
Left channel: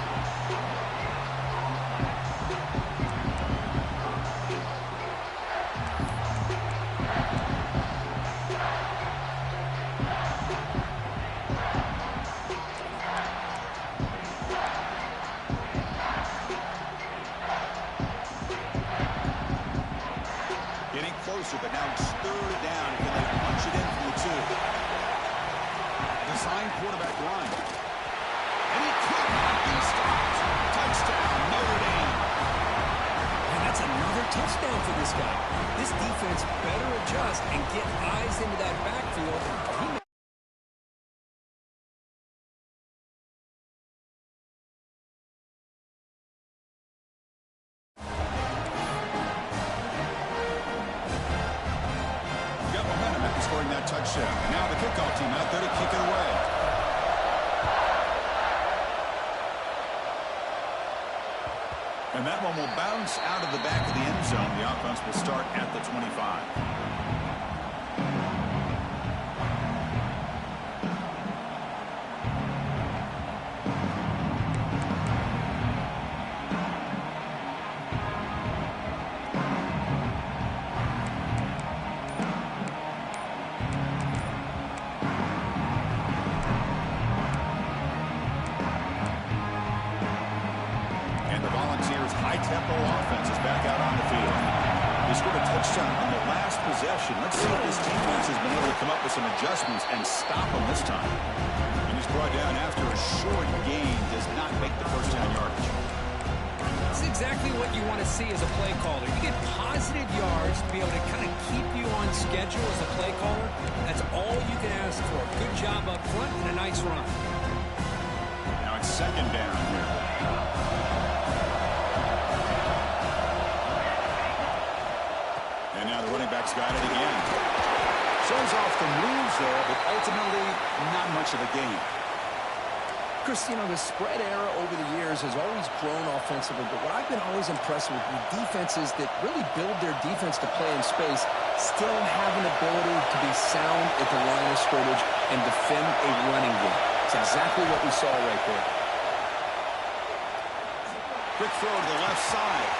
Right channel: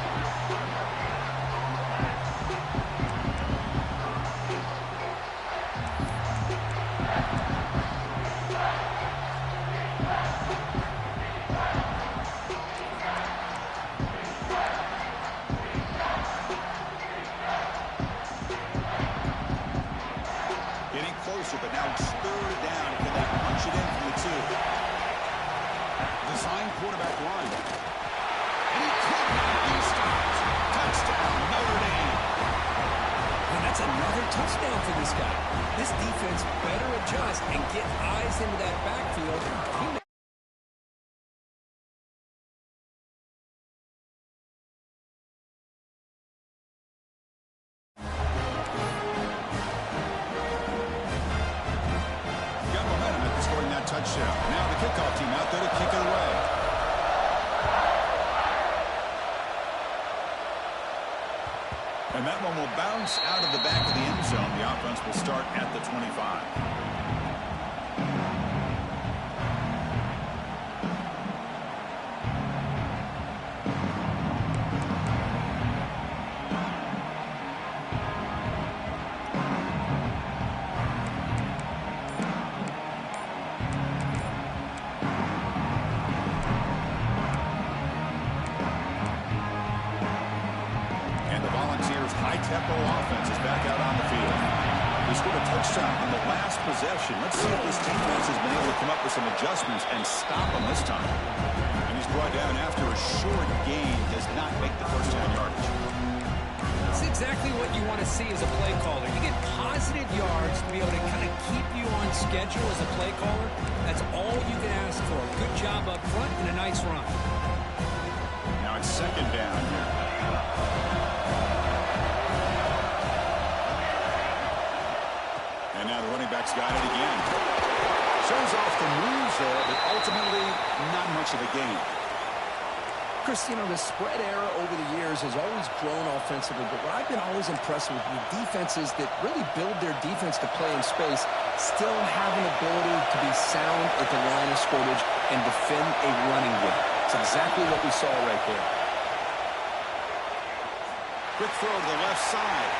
But now it's third down. Can they punch it in from the 2? Design quarterback run. And he could not be stopped. Touchdown, Notre Dame. And that's another touchdown for this guy. This defense better adjust and get eyes into that backfield. Got momentum after scoring that touchdown. Now the kickoff team out there to kick it away. And that one will bounce out of the back of the end zone. The offense will start at the 25. High-tempo offense is back out on the field. He scored a touchdown on the last possession. Let's see if this defense has been able to come up with some adjustments and stop him this time. And he's brought down after a short gain. Does not make the first down yardage. It's exactly what you want to see as a play caller. You get positive yards to be able to kind of keep you on schedule as a play caller. That's all you can ask for. Good job up front and a nice run. Now it's second down here. And now the running back's got it again. Shows off the moves there, but ultimately not much of a gain. Chris, you know, the spread era over the years has always grown offensively, but what I've been always impressed with defenses that really build their defense to play in space still have an ability to be sound at the line of scrimmage and defend a running game. It's exactly what we saw right there. Quick throw to the left side.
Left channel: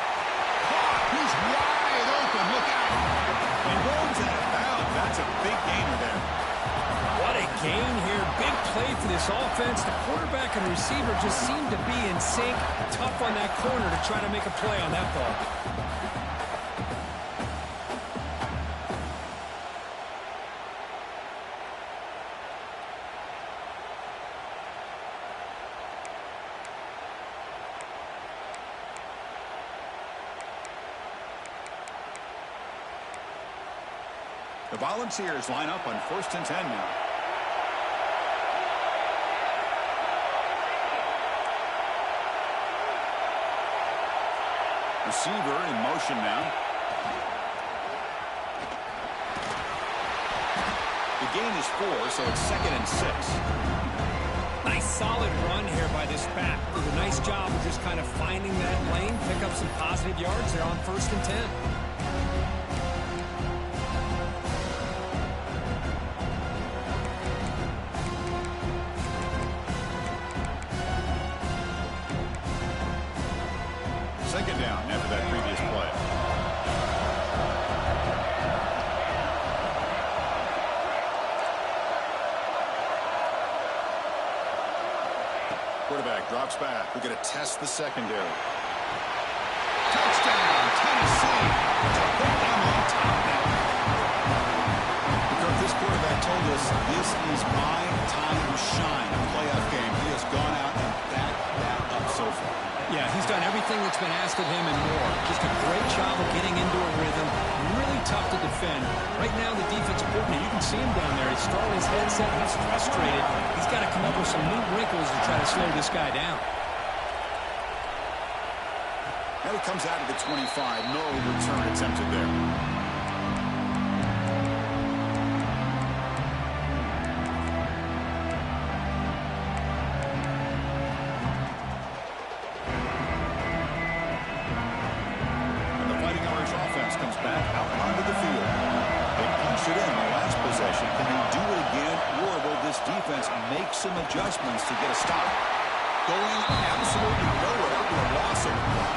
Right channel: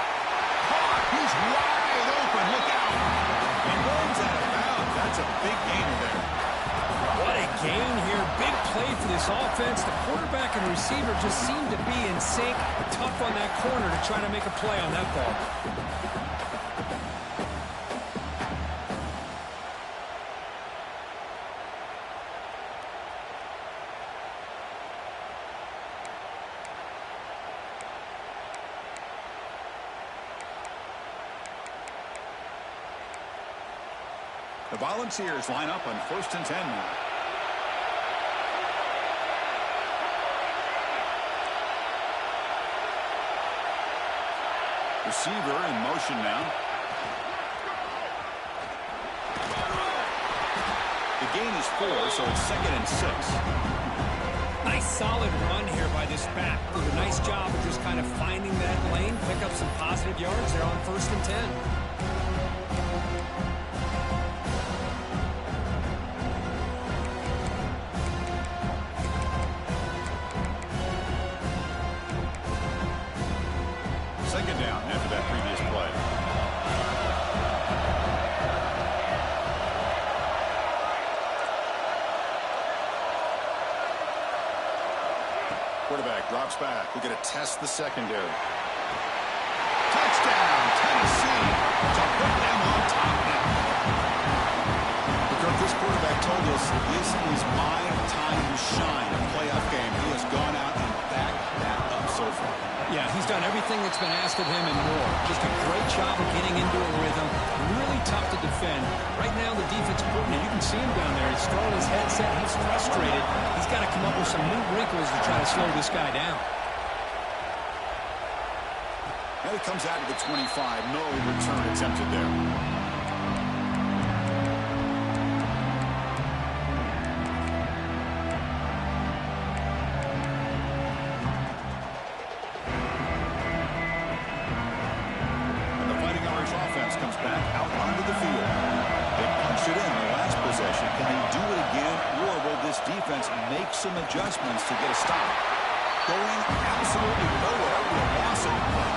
Caught. He's wide open. Look out. He rolls out of bounds. That's a big gainer there. What a gain here. Big play for this offense. The quarterback and receiver just seem to be in sync. Tough on that corner to try to make a play on that ball. The Volunteers line up on 1st and 10 now. Receiver in motion now. The gain is 4, so it's 2nd and 6. Nice solid run here by this back. Did a nice job of just kind of finding that lane, pick up some positive yards there on 1st and 10. Second down after that previous play. Quarterback drops back. We're going to test the secondary. Touchdown, Tennessee, to put them on top now. Because this quarterback told us this is my time to shine, a playoff game. He has gone out and backed that up so far. Yeah, he's done everything that's been asked of him and more. Just a great job of getting into a rhythm. Really tough to defend. Right now, the defense coordinator, you can see him down there. He's throwing his headset. He's frustrated. He's got to come up with some new wrinkles to try to slow this guy down. And he comes out of the 25. No return attempted there. Comes back out onto the field. They punched it in the last possession. Can they do it again, or will this defense make some adjustments to get a stop? Going absolutely nowhere with a loss of the play.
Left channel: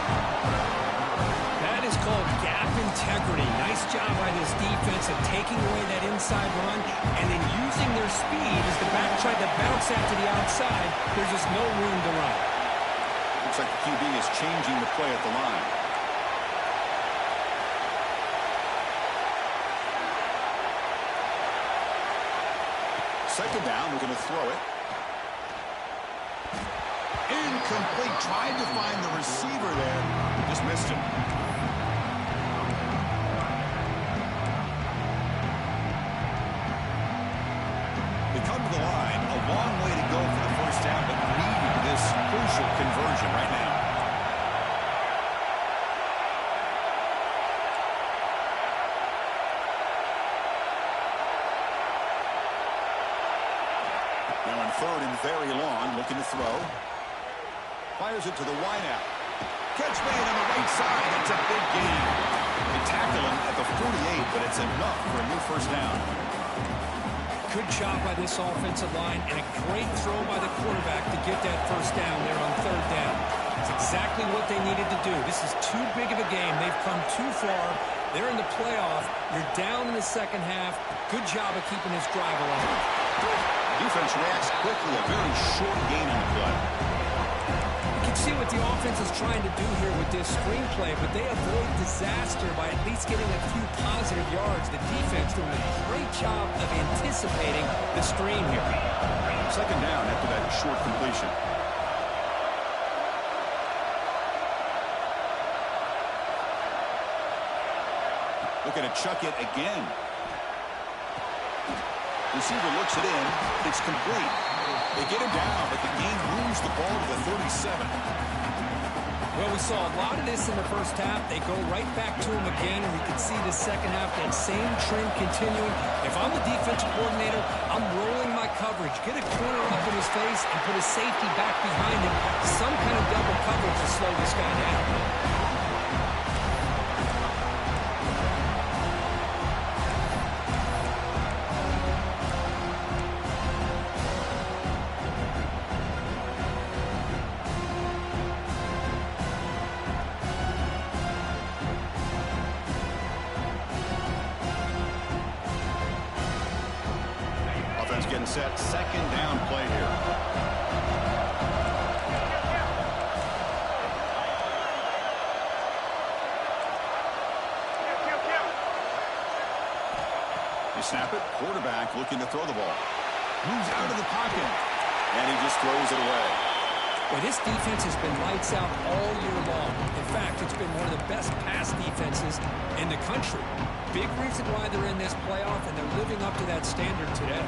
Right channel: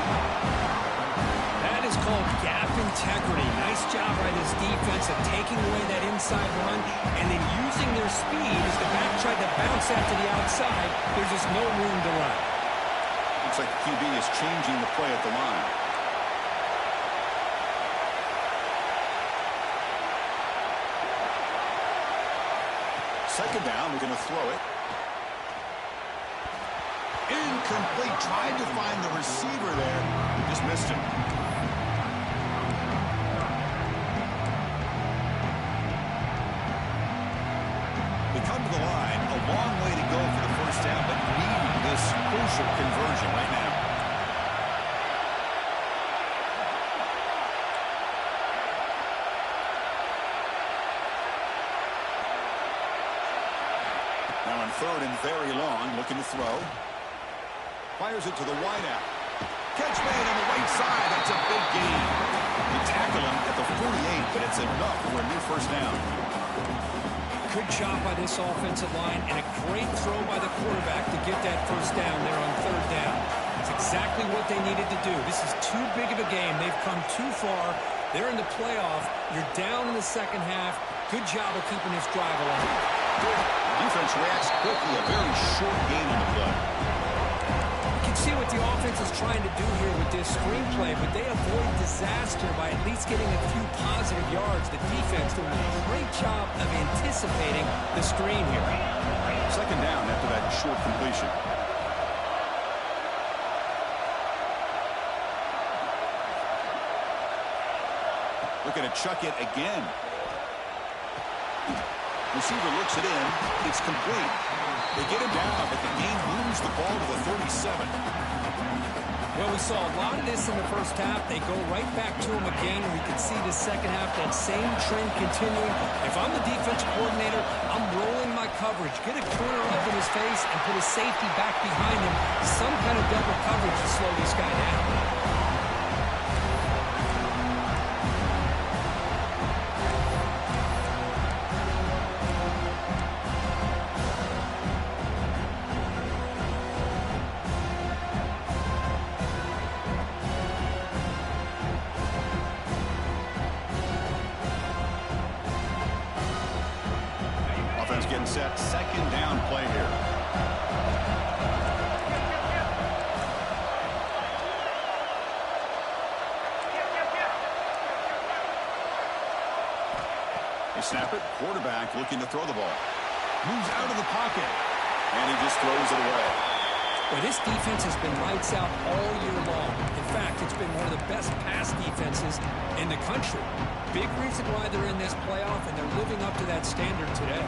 That is called gap integrity. Nice job by this defense of taking away that inside run and then using their speed as the back tried to bounce out to the outside. There's just no room to run. Looks like the QB is changing the play at the line. Second down, we're going to throw it. Incomplete. Tried to find the receiver there. Just missed him. first down, but needing this crucial conversion right now. Now in third and very long, looking to throw. Fires it to the wideout. Catch made on the right side. That's a big gain. They tackle him at the 48, but it's enough for a new first down. Good job by this offensive line, and a great throw by the quarterback to get that first down there on third down. It's exactly what they needed to do. This is too big of a game. They've come too far. They're in the playoff. You're down in the second half. Good job of keeping this drive alive. Defense reacts quickly. A very short gain on the play. You can see what the offense is trying to do here with this screenplay, but they avoid disaster by at least getting a few positive yards. The defense doing a great job of anticipating the screen here. Second down after that short completion. Looking to chuck it again. Receiver looks it in. It's complete. They get him down, but the game moves the ball to the 37. Well, we saw a lot of this in the first half. They go right back to him again, and we can see the second half, that same trend continuing. If I'm the defensive coordinator, I'm rolling my coverage. Get a corner up in his face and put a safety back behind him. Some kind of double coverage to slow this guy down. Getting set, second down play here. They snap it, quarterback looking to throw the ball. Moves out of the pocket, and he just throws it away. Well, this defense has been lights out all year long. In fact, it's been one of the best pass defenses in the country. Big reason why they're in this playoff, and they're living up to that standard today.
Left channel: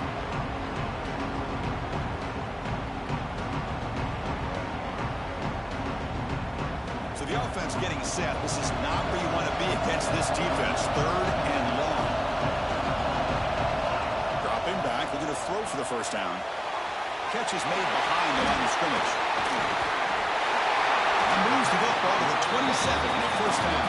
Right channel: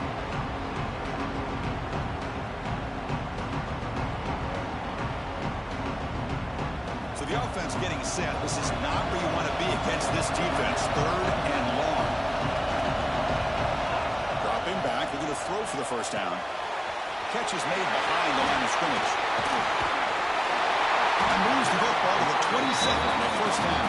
So the offense getting set. This is not where you want to be against this defense. Third and long. Dropping back, looking to throw for the first down. Catch is made behind the line of scrimmage. And moves the football to the 27 and a first down.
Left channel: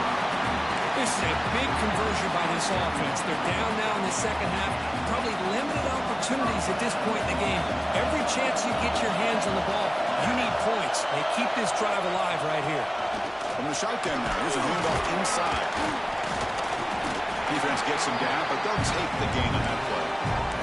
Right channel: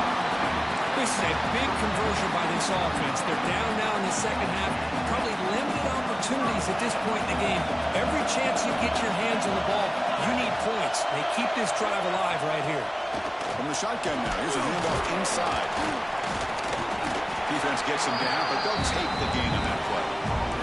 This is a big conversion by this offense. They're down now in the second half. Probably limited opportunities at this point in the game. Every chance you get your hands on the ball, you need points. They keep this drive alive right here. From the shotgun now, here's a handoff inside. Defense gets him down, but they'll take the gain on that play.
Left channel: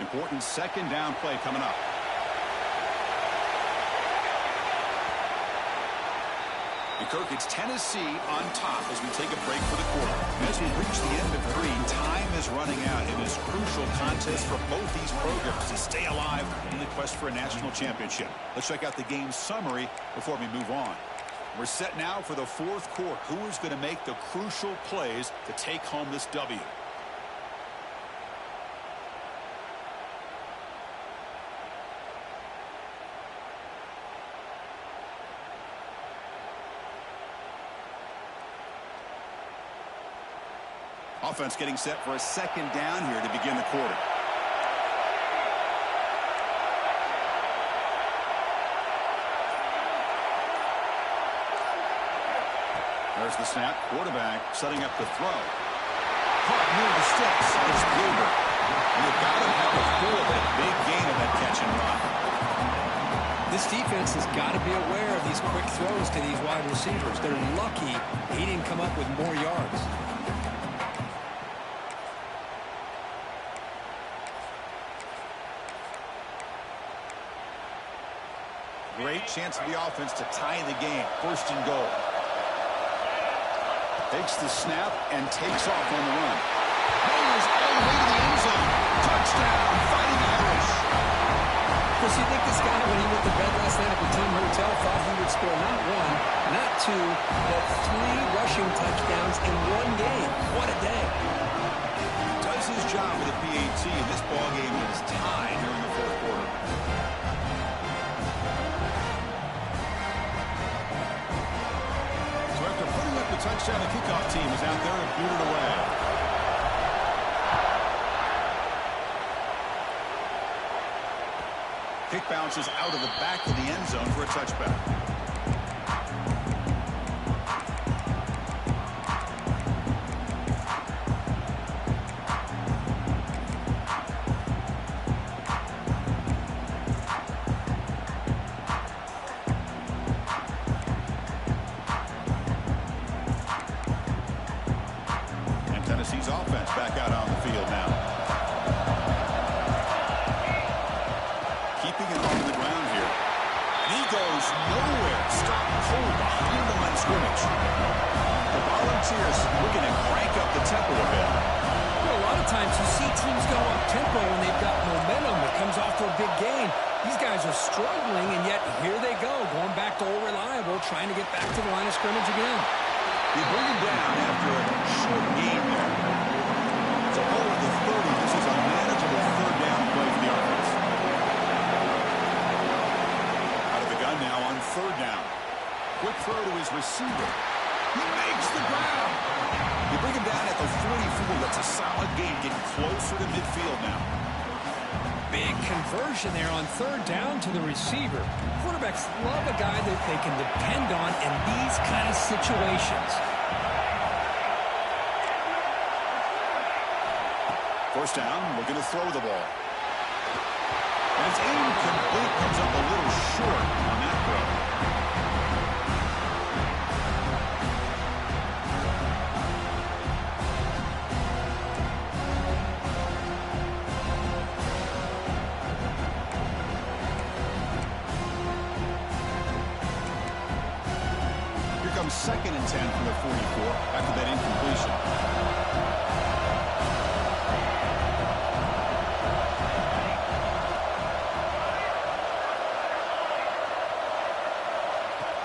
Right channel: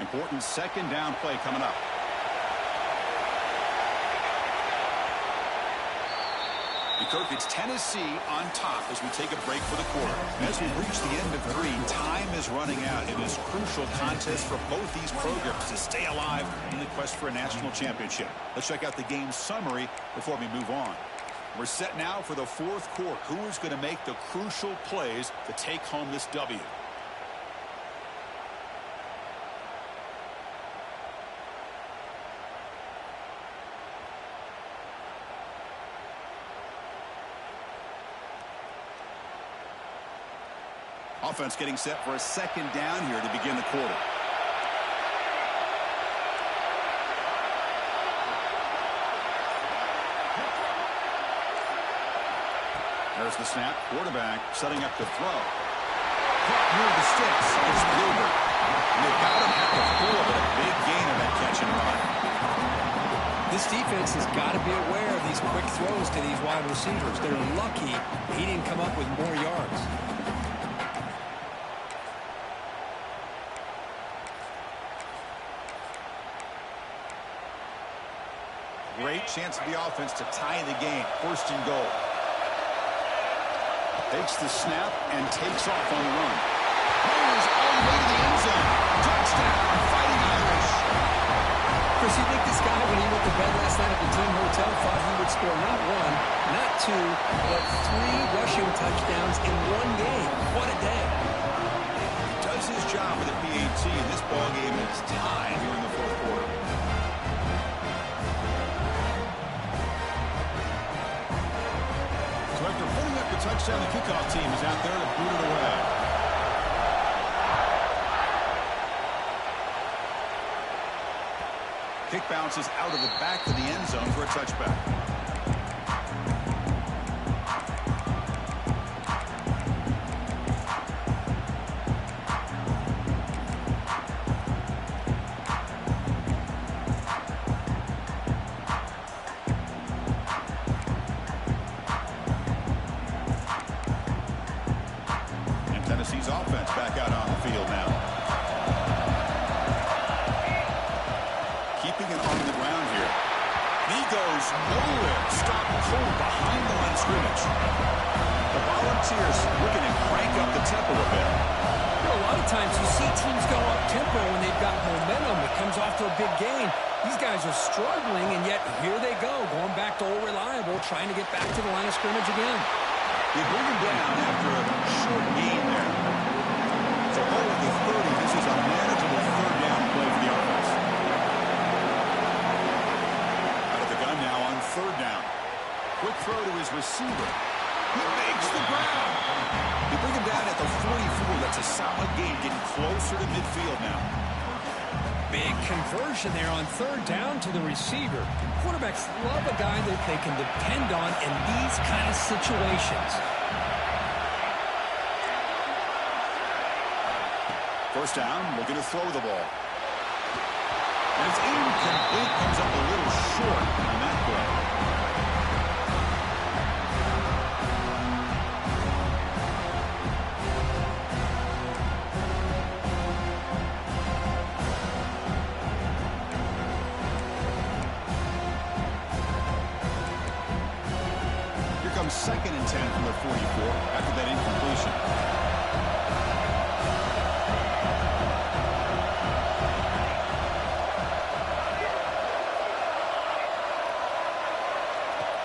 Important second down play coming up. And Kirk, it's Tennessee on top as we take a break for the quarter. As we reach the end of three, time is running out in this crucial contest for both these programs to stay alive in the quest for a national championship. Let's check out the game summary before we move on. We're set now for the fourth quarter. Who is going to make the crucial plays to take home this W? Offense getting set for a second down here to begin the quarter. There's the snap. Quarterback setting up to throw. Caught near the sticks. It's Gilbert. And they've got him at the 4, but a big gain on that catch and run. This defense has got to be aware of these quick throws to these wide receivers. They're lucky he didn't come up with more yards. Great chance for the offense to tie the game. First and goal. Takes the snap and takes off on the run. Motors all the way to the end zone. Touchdown, Fighting Irish. Chris, you think this guy, when he went to bed last night at the team hotel, thought he would score not one, not two, but 3 rushing touchdowns in one game? What a day. He does his job with a PAT, and this ball game is tied here in the fourth quarter. So after putting up the touchdown, the kickoff team is out there to boot it away. Kick bounces out of the back of the end zone for a touchback. And Tennessee's offense back out on the field now. Keeping it on the ground here. And he goes nowhere. Stop cold behind the line of scrimmage. The Volunteers looking to crank up the tempo a bit. You know, a lot of times you see teams go up tempo when they've got momentum. It comes off to a big gain. These guys are struggling, and yet here they go, going back to old reliable, trying to get back to the line of scrimmage again. They bring him down after a short gain there. So over the 30, this is a manageable third down play for the offense. Now on third down. Quick throw to his receiver. He makes the ground. They bring him down at the 44. That's a solid gain, getting closer to midfield now. Big conversion there on third down to the receiver. Quarterbacks love a guy that they can depend on in these kind of situations. First down, looking to throw the ball. And it's incomplete, comes up a little short on that throw. Here comes 2nd and 10 from the 44 after that incompletion.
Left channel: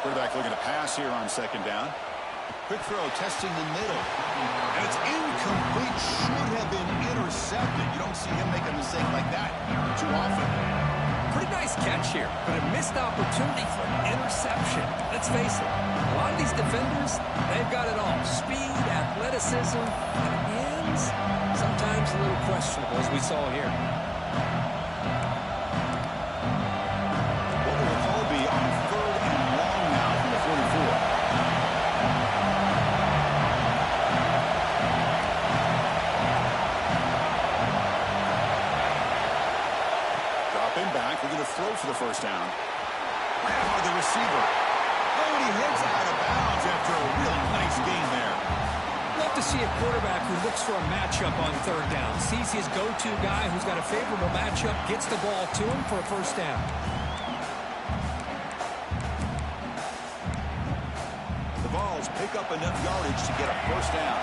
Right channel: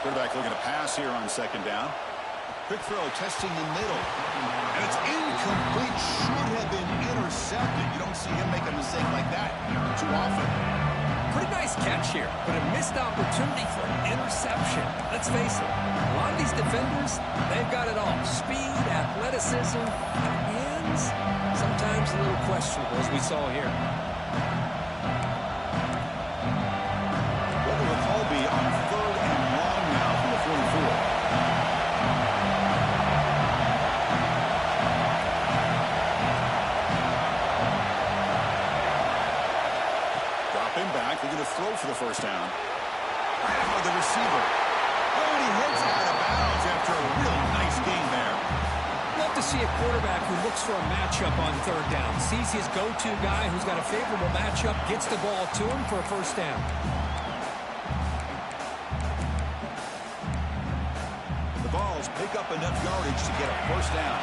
Quarterback looking to pass here on 2nd down. Quick throw, testing the middle. And it's incomplete. Should have been intercepted. You don't see him make a mistake like that too often. Pretty nice catch here, but a missed opportunity for an interception. Let's face it, a lot of these defenders, they've got it all. Speed, athleticism, hands, sometimes a little questionable, as we saw here. What will the call be on 3rd and long now from the 44? Dropping back, looking to throw for the first down. Right out the receiver. Oh, and he heads out of bounds after a really nice gain there. Love to see a quarterback who looks for a matchup on third down. Sees his go-to guy who's got a favorable matchup, gets the ball to him for a first down. The Vols pick up enough yardage to get a first down.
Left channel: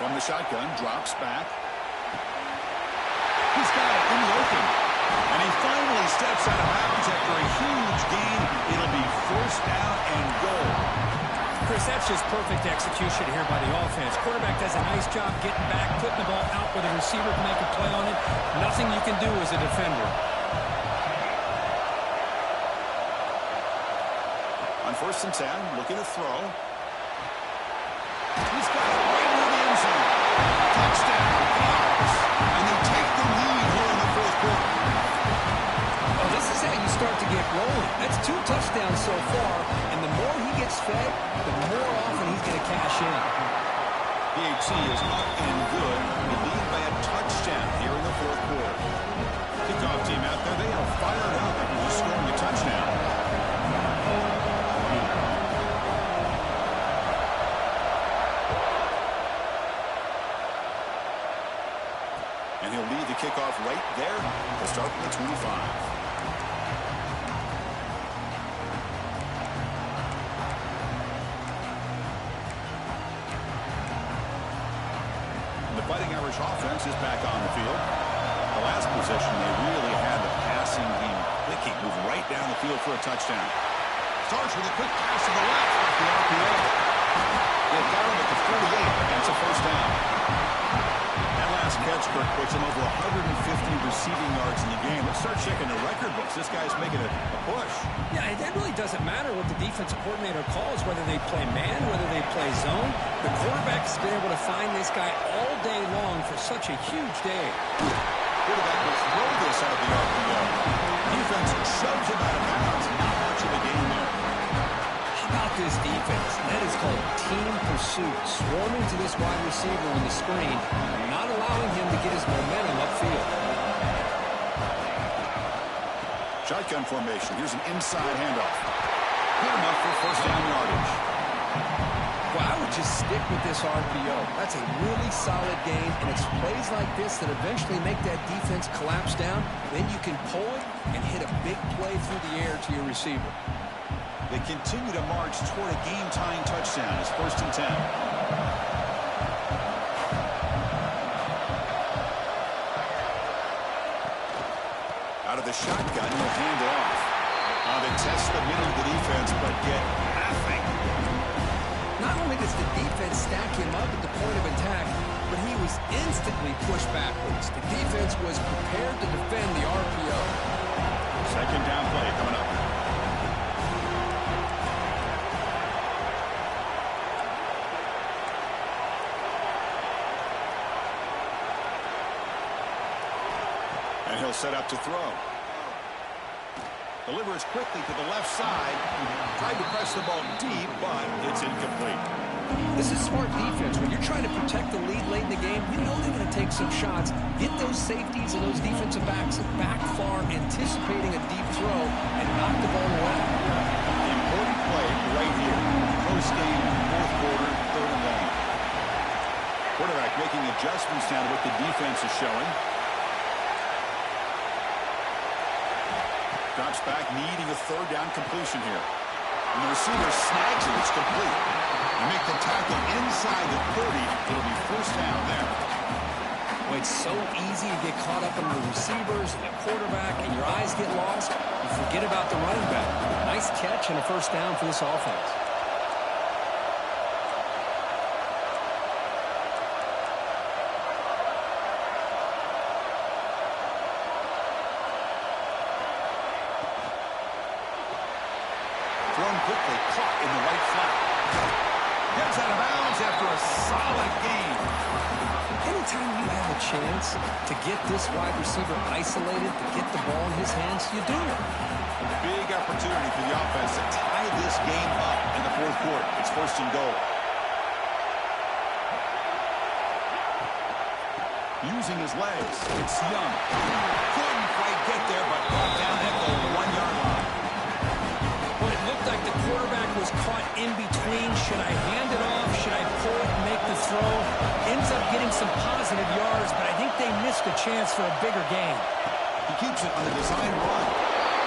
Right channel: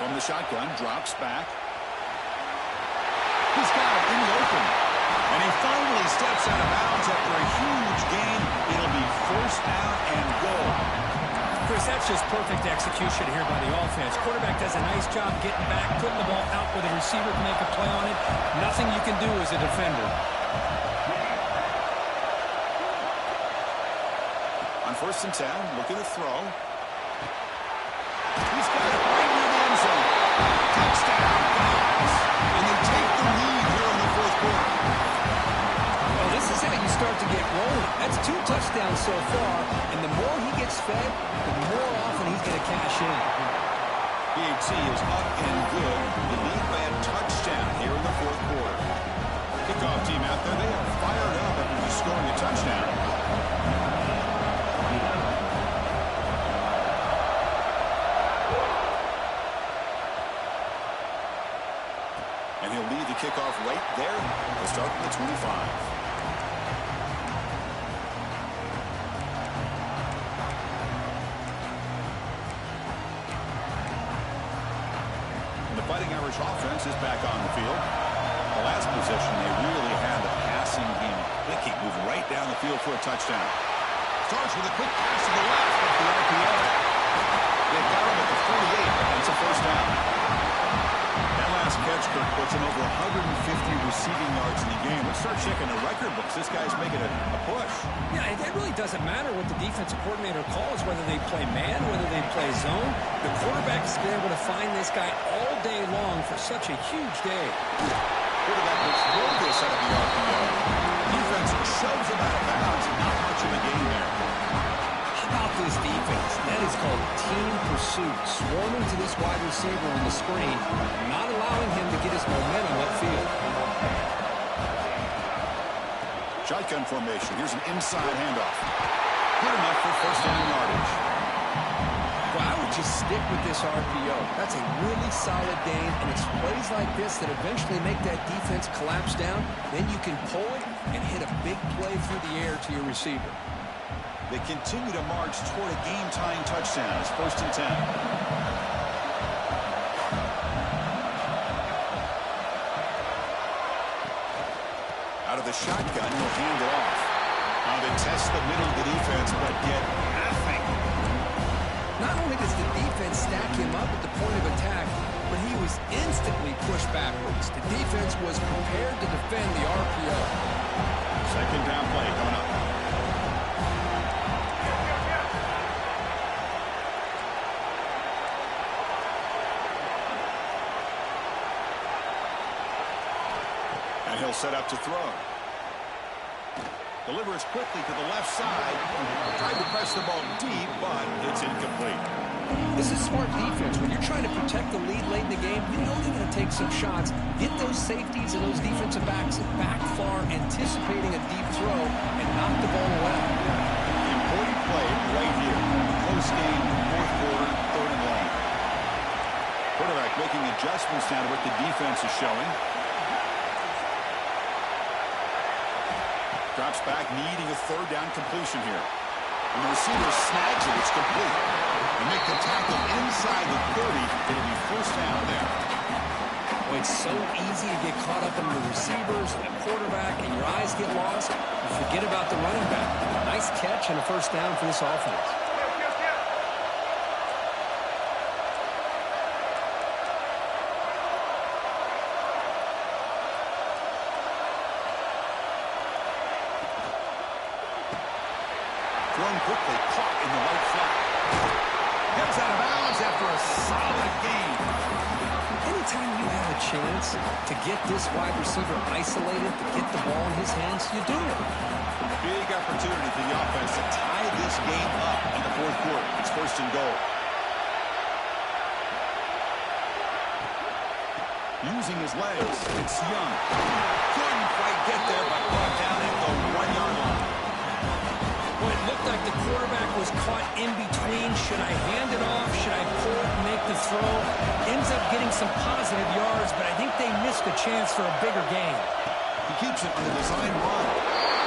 From the shotgun, drops back. He's got it in the open. And he finally steps out of bounds after a huge gain. It'll be first down and goal. Chris, that's just perfect execution here by the offense. Quarterback does a nice job getting back, putting the ball out where the receiver can make a play on it. Nothing you can do as a defender. On 1st and 10, looking to throw. He's got it right near the end zone. Touchdown, Vols. And they take the lead here in the fourth quarter. Well, this is how you start to get rolling. That's 2 touchdowns so far, and the more he gets fed, the more often he's going to cash in. PAT is up and good. They lead by a touchdown here in the fourth quarter. Kickoff team out there, they are fired up after just scoring a touchdown. And he'll lead the kickoff right there. We'll start from the 25. The Fighting Irish offense is back on the field. The last possession, they really had the passing game clicking, move right down the field for a touchdown. Starts with a quick pass to the left off the RPO. They've got him at the 48. That's a first down. That last catch, Kirk, puts him over 150 receiving yards in the game. Let's start checking the record books. This guy's making a push. Yeah, it really doesn't matter what the defensive coordinator calls, whether they play man, whether they play zone. The quarterback has been able to find this guy all day long for such a huge day. Quarterback will throw this out of the RPO. Defense shoves him out of bounds. Not much of a gain there. How about this defense? That is called team pursuit. Swarming to this wide receiver on the screen, not allowing him to get his momentum upfield. Shotgun formation. Here's an inside handoff. Good enough for first down yardage. Well, I would just stick with this RPO. That's a really solid gain, and it's plays like this that eventually make that defense collapse down. Then you can pull it and hit a big play through the air to your receiver. They continue to march toward a game-tying touchdown. It's 1st and 10. Out of the shotgun, he'll hand it off. They test the middle of the defense, but get nothing. Not only does the defense stack him up at the point of attack, but he was instantly pushed backwards. The defense was prepared to defend the RPO. Second down play coming up. And he'll set up to throw. Delivers quickly to the left side. Tried to press the ball deep, but it's incomplete. This is smart defense. When you're trying to protect the lead late in the game, you know they're going to take some shots. Get those safeties and those defensive backs back far, anticipating a deep throw, and knock the ball away. Important play right here. Close game, 4th quarter, 3rd and long. Quarterback making adjustments now to what the defense is showing. Drops back, needing a 3rd down completion here. And the receiver snags it. It's complete. They make the tackle inside the 30. It'll be first down there. Boy, it's so easy to get caught up in the receivers and the quarterback, and your eyes get lost. You forget about the running back. Nice catch and a first down for this offense. Thrown quickly, caught in the right flat. Gets out of bounds after a solid gain. Anytime you have a chance to get this wide receiver isolated, to get the ball in his hands, you do it. Big opportunity for the offense to tie this game up in the 4th quarter. It's 1st and goal. Using his legs, it's Young. Couldn't quite get there, but brought down at the 1-yard line. Well, it looked like the quarterback was caught in between. Should I hand it off? Should I pull it and make the throw? Ends up getting some positive yards, but I think they missed a chance for a bigger gain. He keeps it on the design run.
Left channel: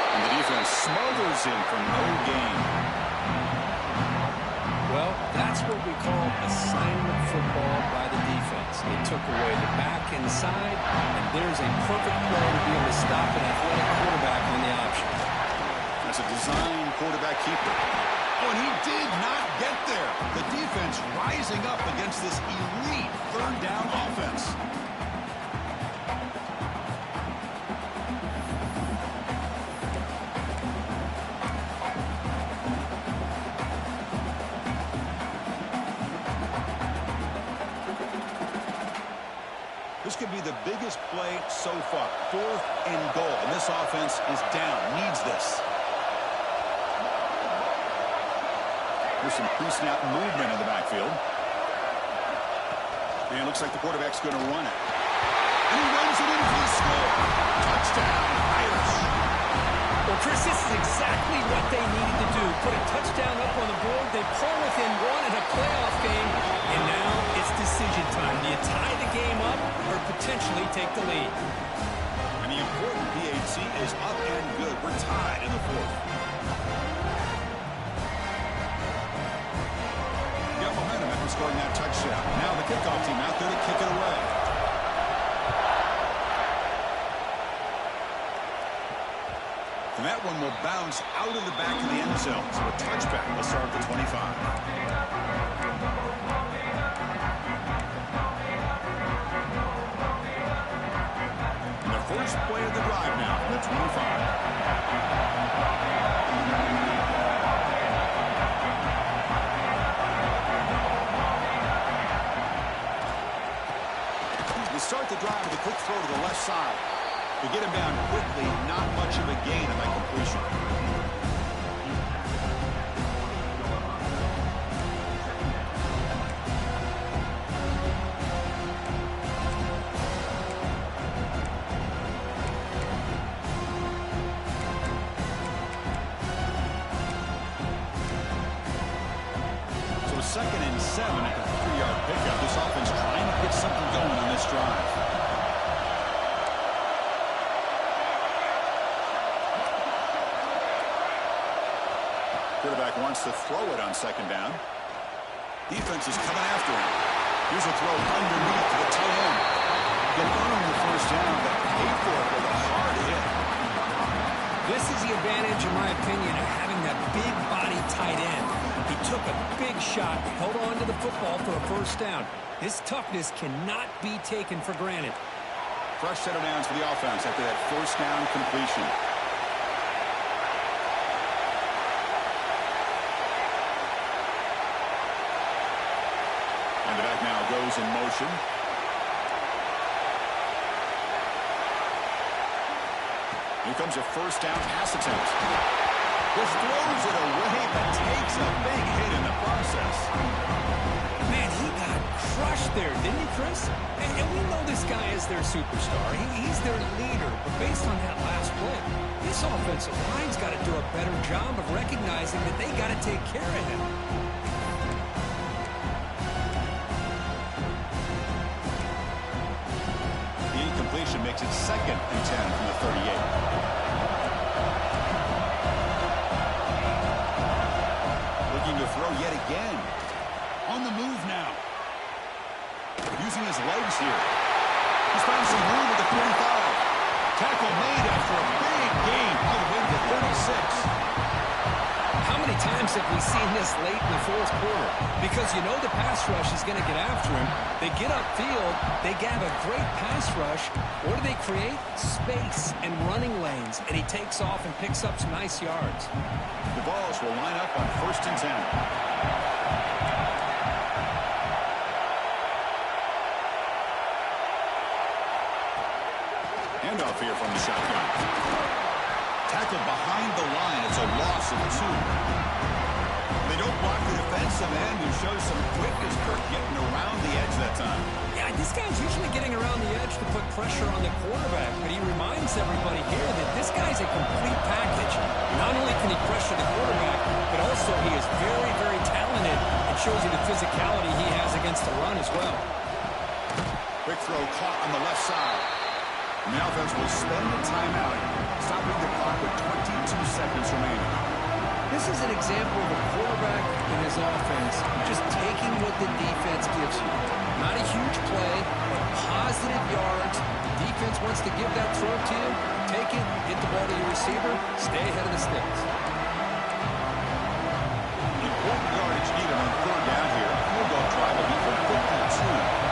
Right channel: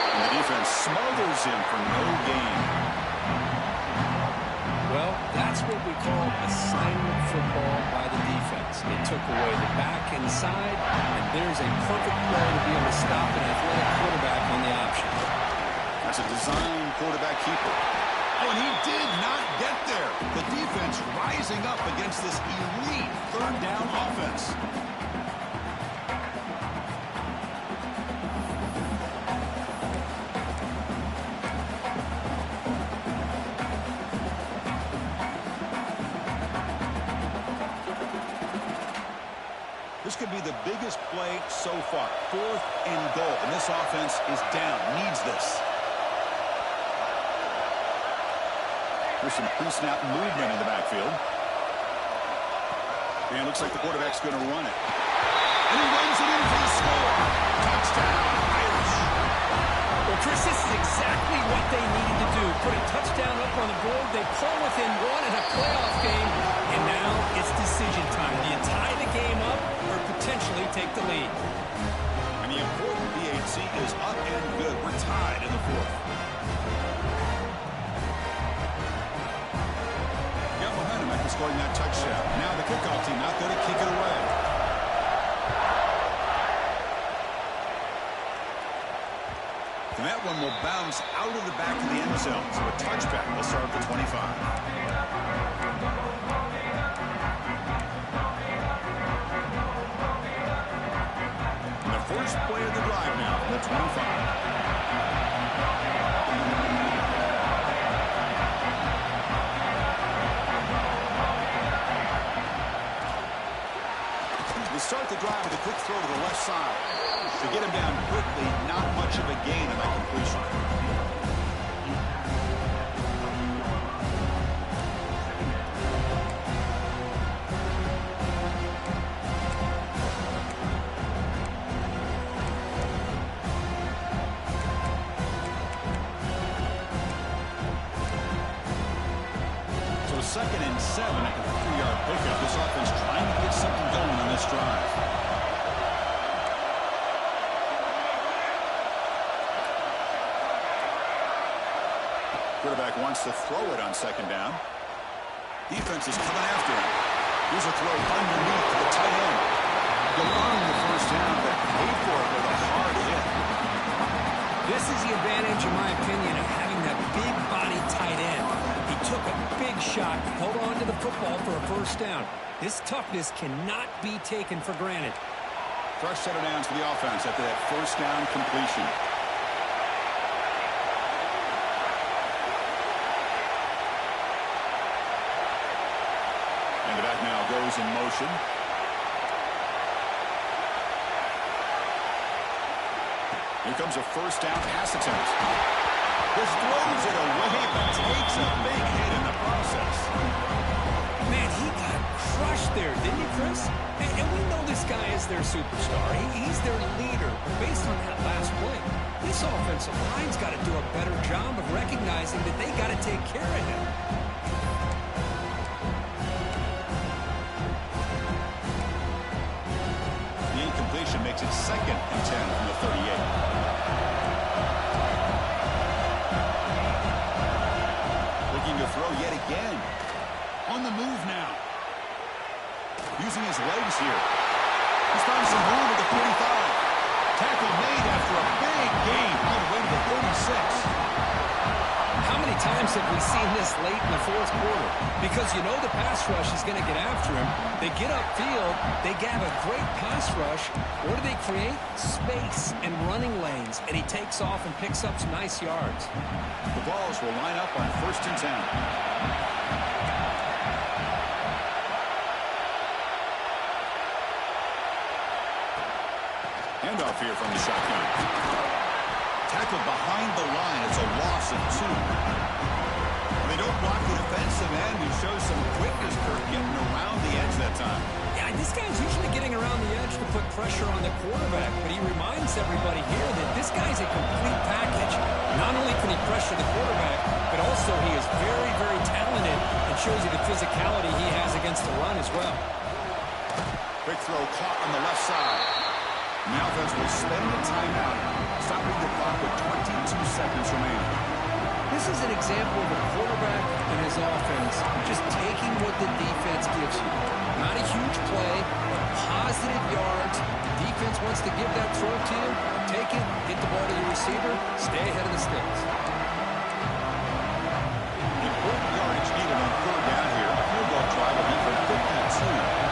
And the defense smothers him for no gain. Well, that's what we call assignment football by the defense. They took away the back inside, and there's a perfect play to be able to stop an athletic quarterback on the option. That's a design quarterback keeper. Oh, and he did not get there. The defense rising up against this elite 3rd down offense. This could be the biggest play so far. 4th and goal. And this offense is down. Needs this. There's some pre-snap movement in the backfield. And it looks like the quarterback's going to run it. And he runs it in for the score. Touchdown, Irish. Well, Chris, this is exactly what they needed to do. Put a touchdown up on the board. They pull within one in a playoff game. And now it's decision time. Do you tie the game up or potentially take the lead? And the important PHC is up and good. We're tied in the fourth. Got momentum after scoring that touchdown. Now the kickoff team out there to kick it away. And that one will bounce out of the back of the end zone. So a touchback will start at the 25. And the first play of the drive now from the 25. They start the drive with a quick throw to the left side. To get him down quickly, not much of a gain on that completion. So 2nd and 7 at the 3-yard pickup. This offense trying to get something going on this drive. Quarterback wants to throw it on 2nd down. Defense is coming after him. Here's a throw underneath to the tight end. He'll earn the first down, but pay for it with a hard hit. This is the advantage, in my opinion, of having that big body tight end. He took a big shot, held on to the football for a first down. This toughness cannot be taken for granted. Fresh set of downs for the offense after that first down completion. And the back now goes in motion. Here comes a first down pass attempt. Just throws it away, but takes a big hit in the process. Man, he got crushed there, didn't he, Chris? And we know this guy is their superstar. He's their leader. But based on that last play, this offensive line's got to do a better job of recognizing that they got to take care of him. The incompletion makes it 2nd and 10 from the 38. Looking to throw yet again. On the move now. Using his legs here. He's found some room at the 45. Tackle made after a big gain all the way to the 36. How many times have we seen this late in the fourth quarter? Because you know the pass rush is going to get after him. They get upfield. They have a great pass rush. What do they create? Space and running lanes. And he takes off and picks up some nice yards. The Vols will line up on 1st and 10. Handoff here from the shotgun. Tackled behind the line. It's a loss of 2. They don't block the defensive end, who shows some quickness, Kirk, getting around the edge that time. Yeah, this guy's usually getting around the edge to put pressure on the quarterback, but he reminds everybody here that this guy's a complete package. Not only can he pressure the quarterback, but also he is very, very talented and shows you the physicality he has against the run as well. Quick throw caught on the left side. And the offense will spend the timeout, stopping the clock with 22 seconds remaining. This is an example of a quarterback and his offense just taking what the defense gives you. Not a huge play, but positive yards. Defense wants to give that throw to you. Take it, get the ball to your receiver, stay ahead of the sticks. Important yardage needed on 3rd down here. A field goal try will be for 52.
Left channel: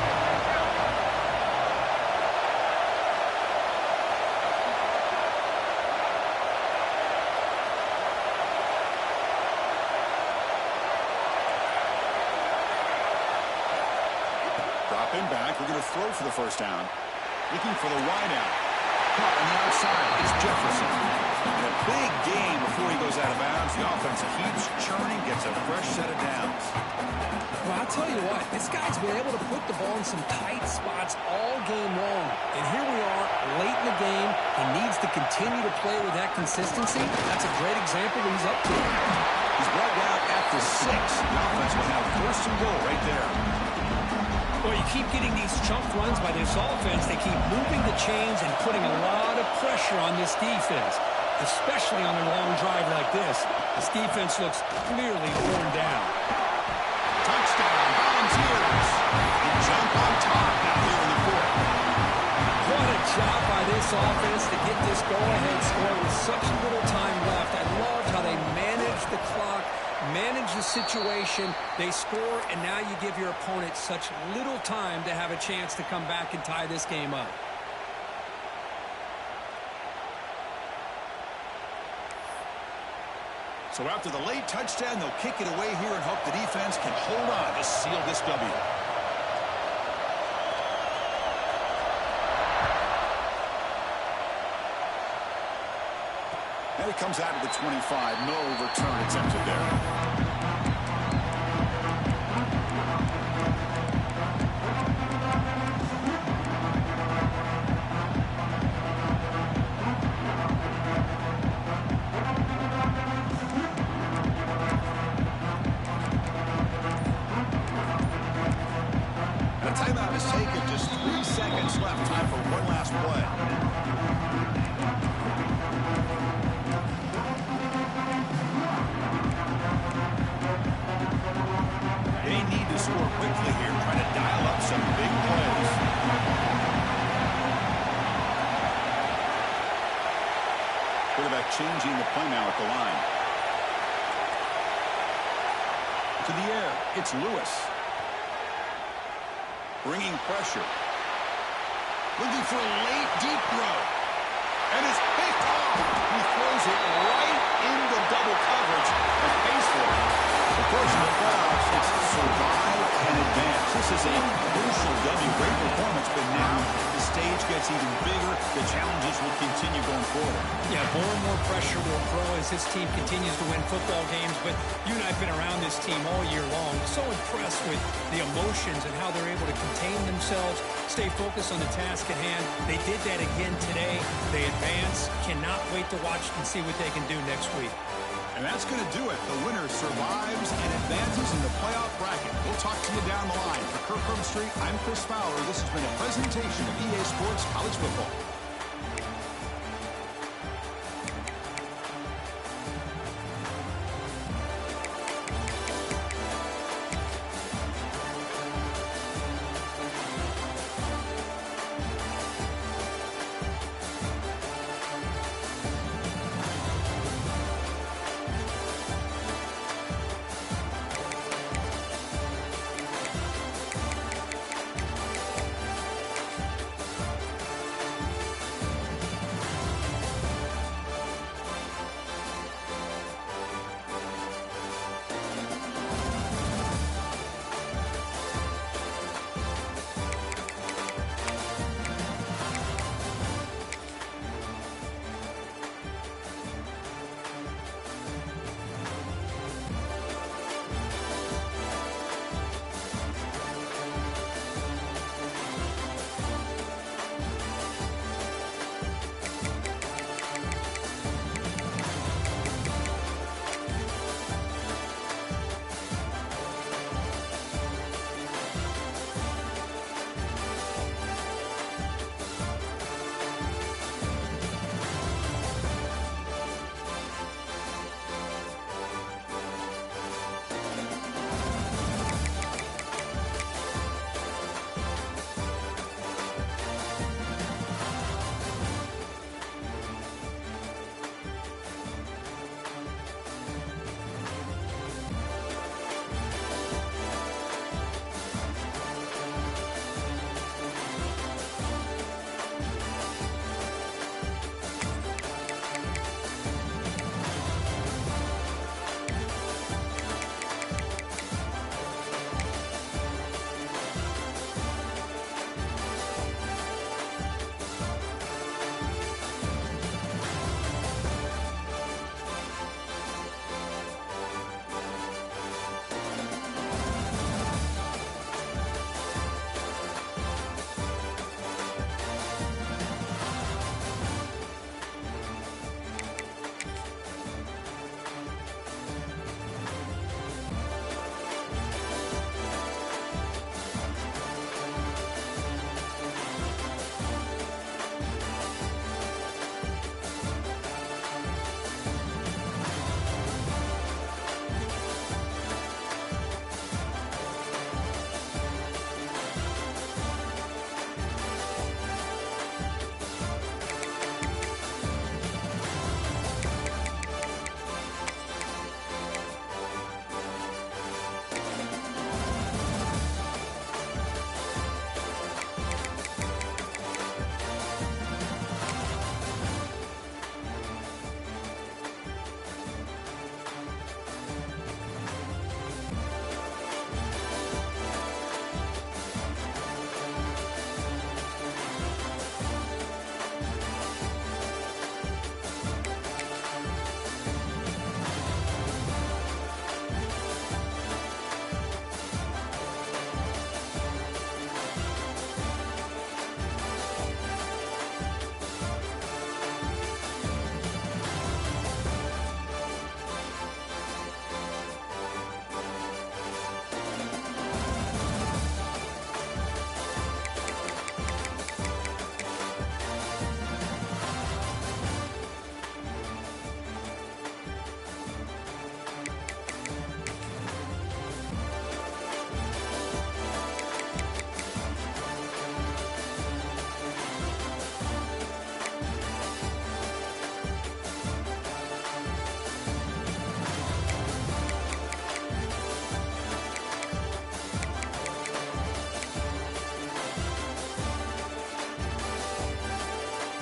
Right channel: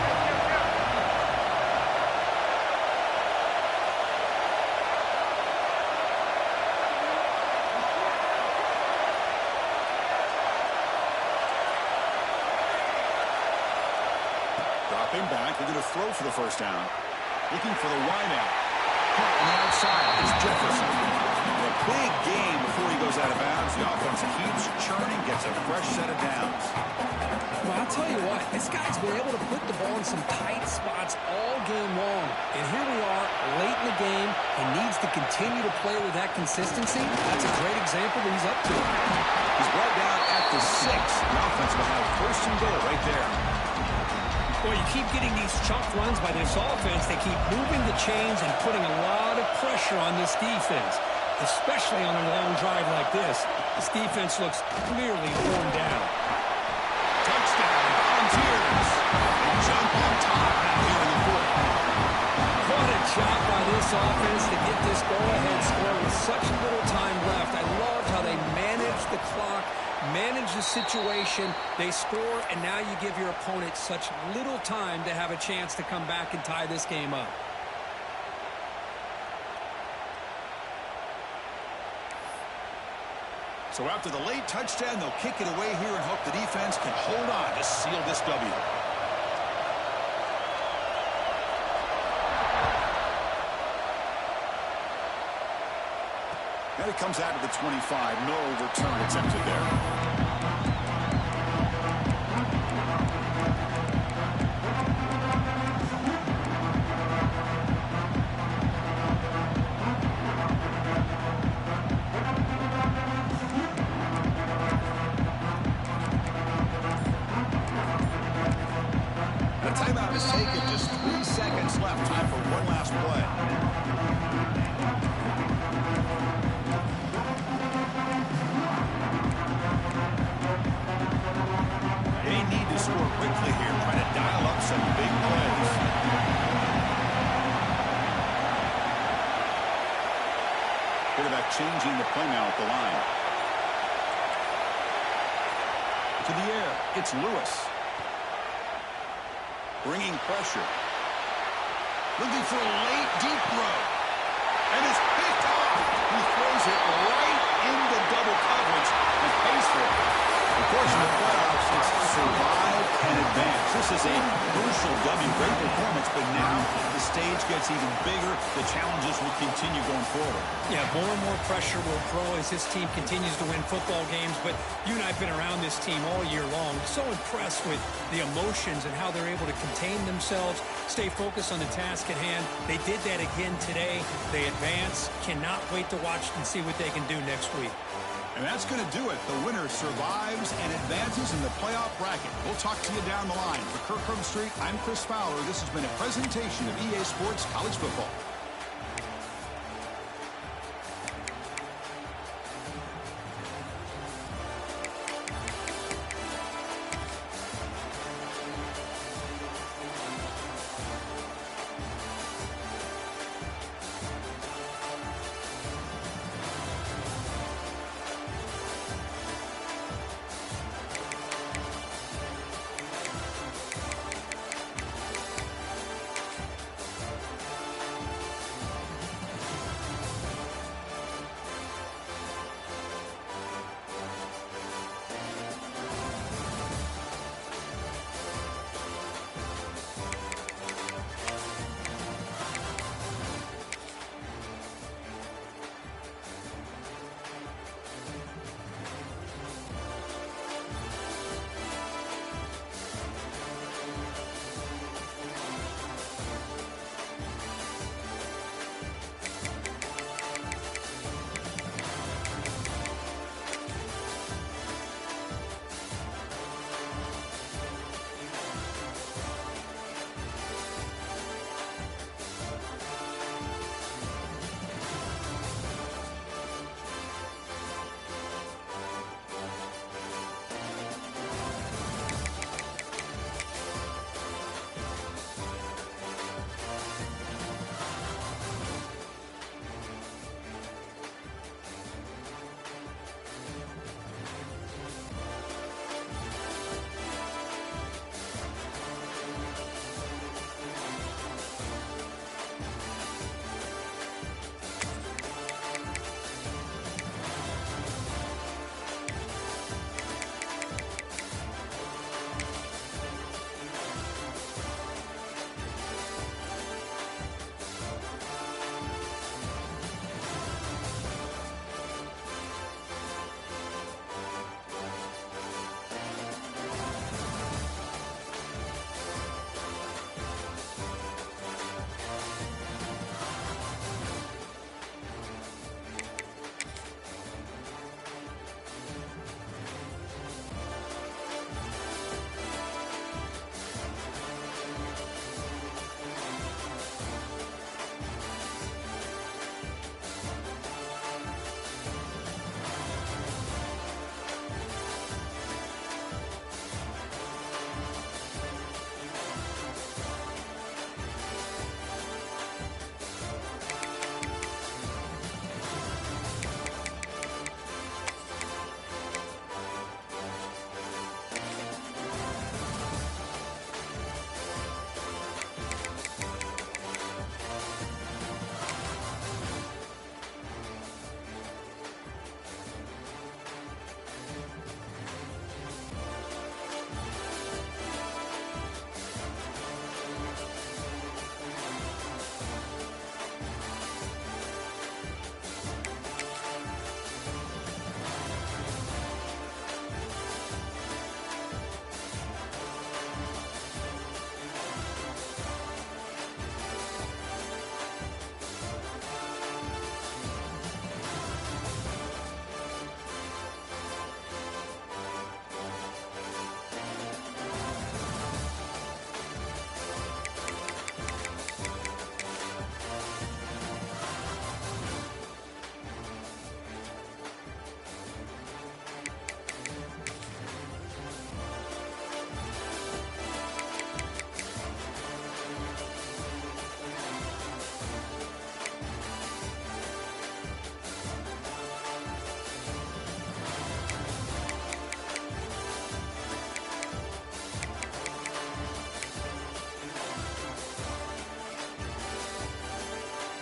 Drop him back. We're going to throw for the first down. Looking for the wide out. Caught on the outside is Jefferson. And a big game before he goes out of bounds. The offense keeps churning, gets a fresh set of downs. Well, I'll tell you what, this guy's been able to put the ball in some tight spots all game long. And here we are, late in the game. He needs to continue to play with that consistency. That's a great example that he's up to. He's brought down at the 6. The offense will have first and goal right there. Well, you keep getting these chunk runs by this offense. They keep moving the chains and putting a lot of pressure on this defense, especially on a long drive like this. This defense looks clearly worn down. Touchdown, Volunteers. They jump on top now here in the 4th. What a job by this offense to get this go-ahead score with such little time left. I loved how they managed the clock, managed the situation. They score, and now you give your opponent such little time to have a chance to come back and tie this game up. So after the late touchdown, they'll kick it away here and hope the defense can hold on to seal this W. And it comes out of the 25. No return attempted there. Timeout is taken. Just 3 seconds left. Time for one last play. They need to score quickly here. Try to dial up some big plays. Quarterback changing the play now at the line. To the air. It's Lewis. Bringing pressure. Looking for a late, deep throw. And it's picked off. He throws it right into double coverage and pays for it. Of course, in the playoffs, it's survive and advance. This is a crucial W. Great performance, but now the stage gets even bigger. The challenges will continue going forward. Yeah, more and more pressure will grow as this team continues to win football games. But you and I have been around this team all year long. So impressed with the emotions and how they're able to contain themselves, stay focused on the task at hand. They did that again today. They advance. Cannot wait to watch and see what they can do next week. And that's going to do it. The winner survives and advances in the playoff bracket. We'll talk to you down the line. For Kirk Street, I'm Chris Fowler. This has been a presentation of EA Sports College Football.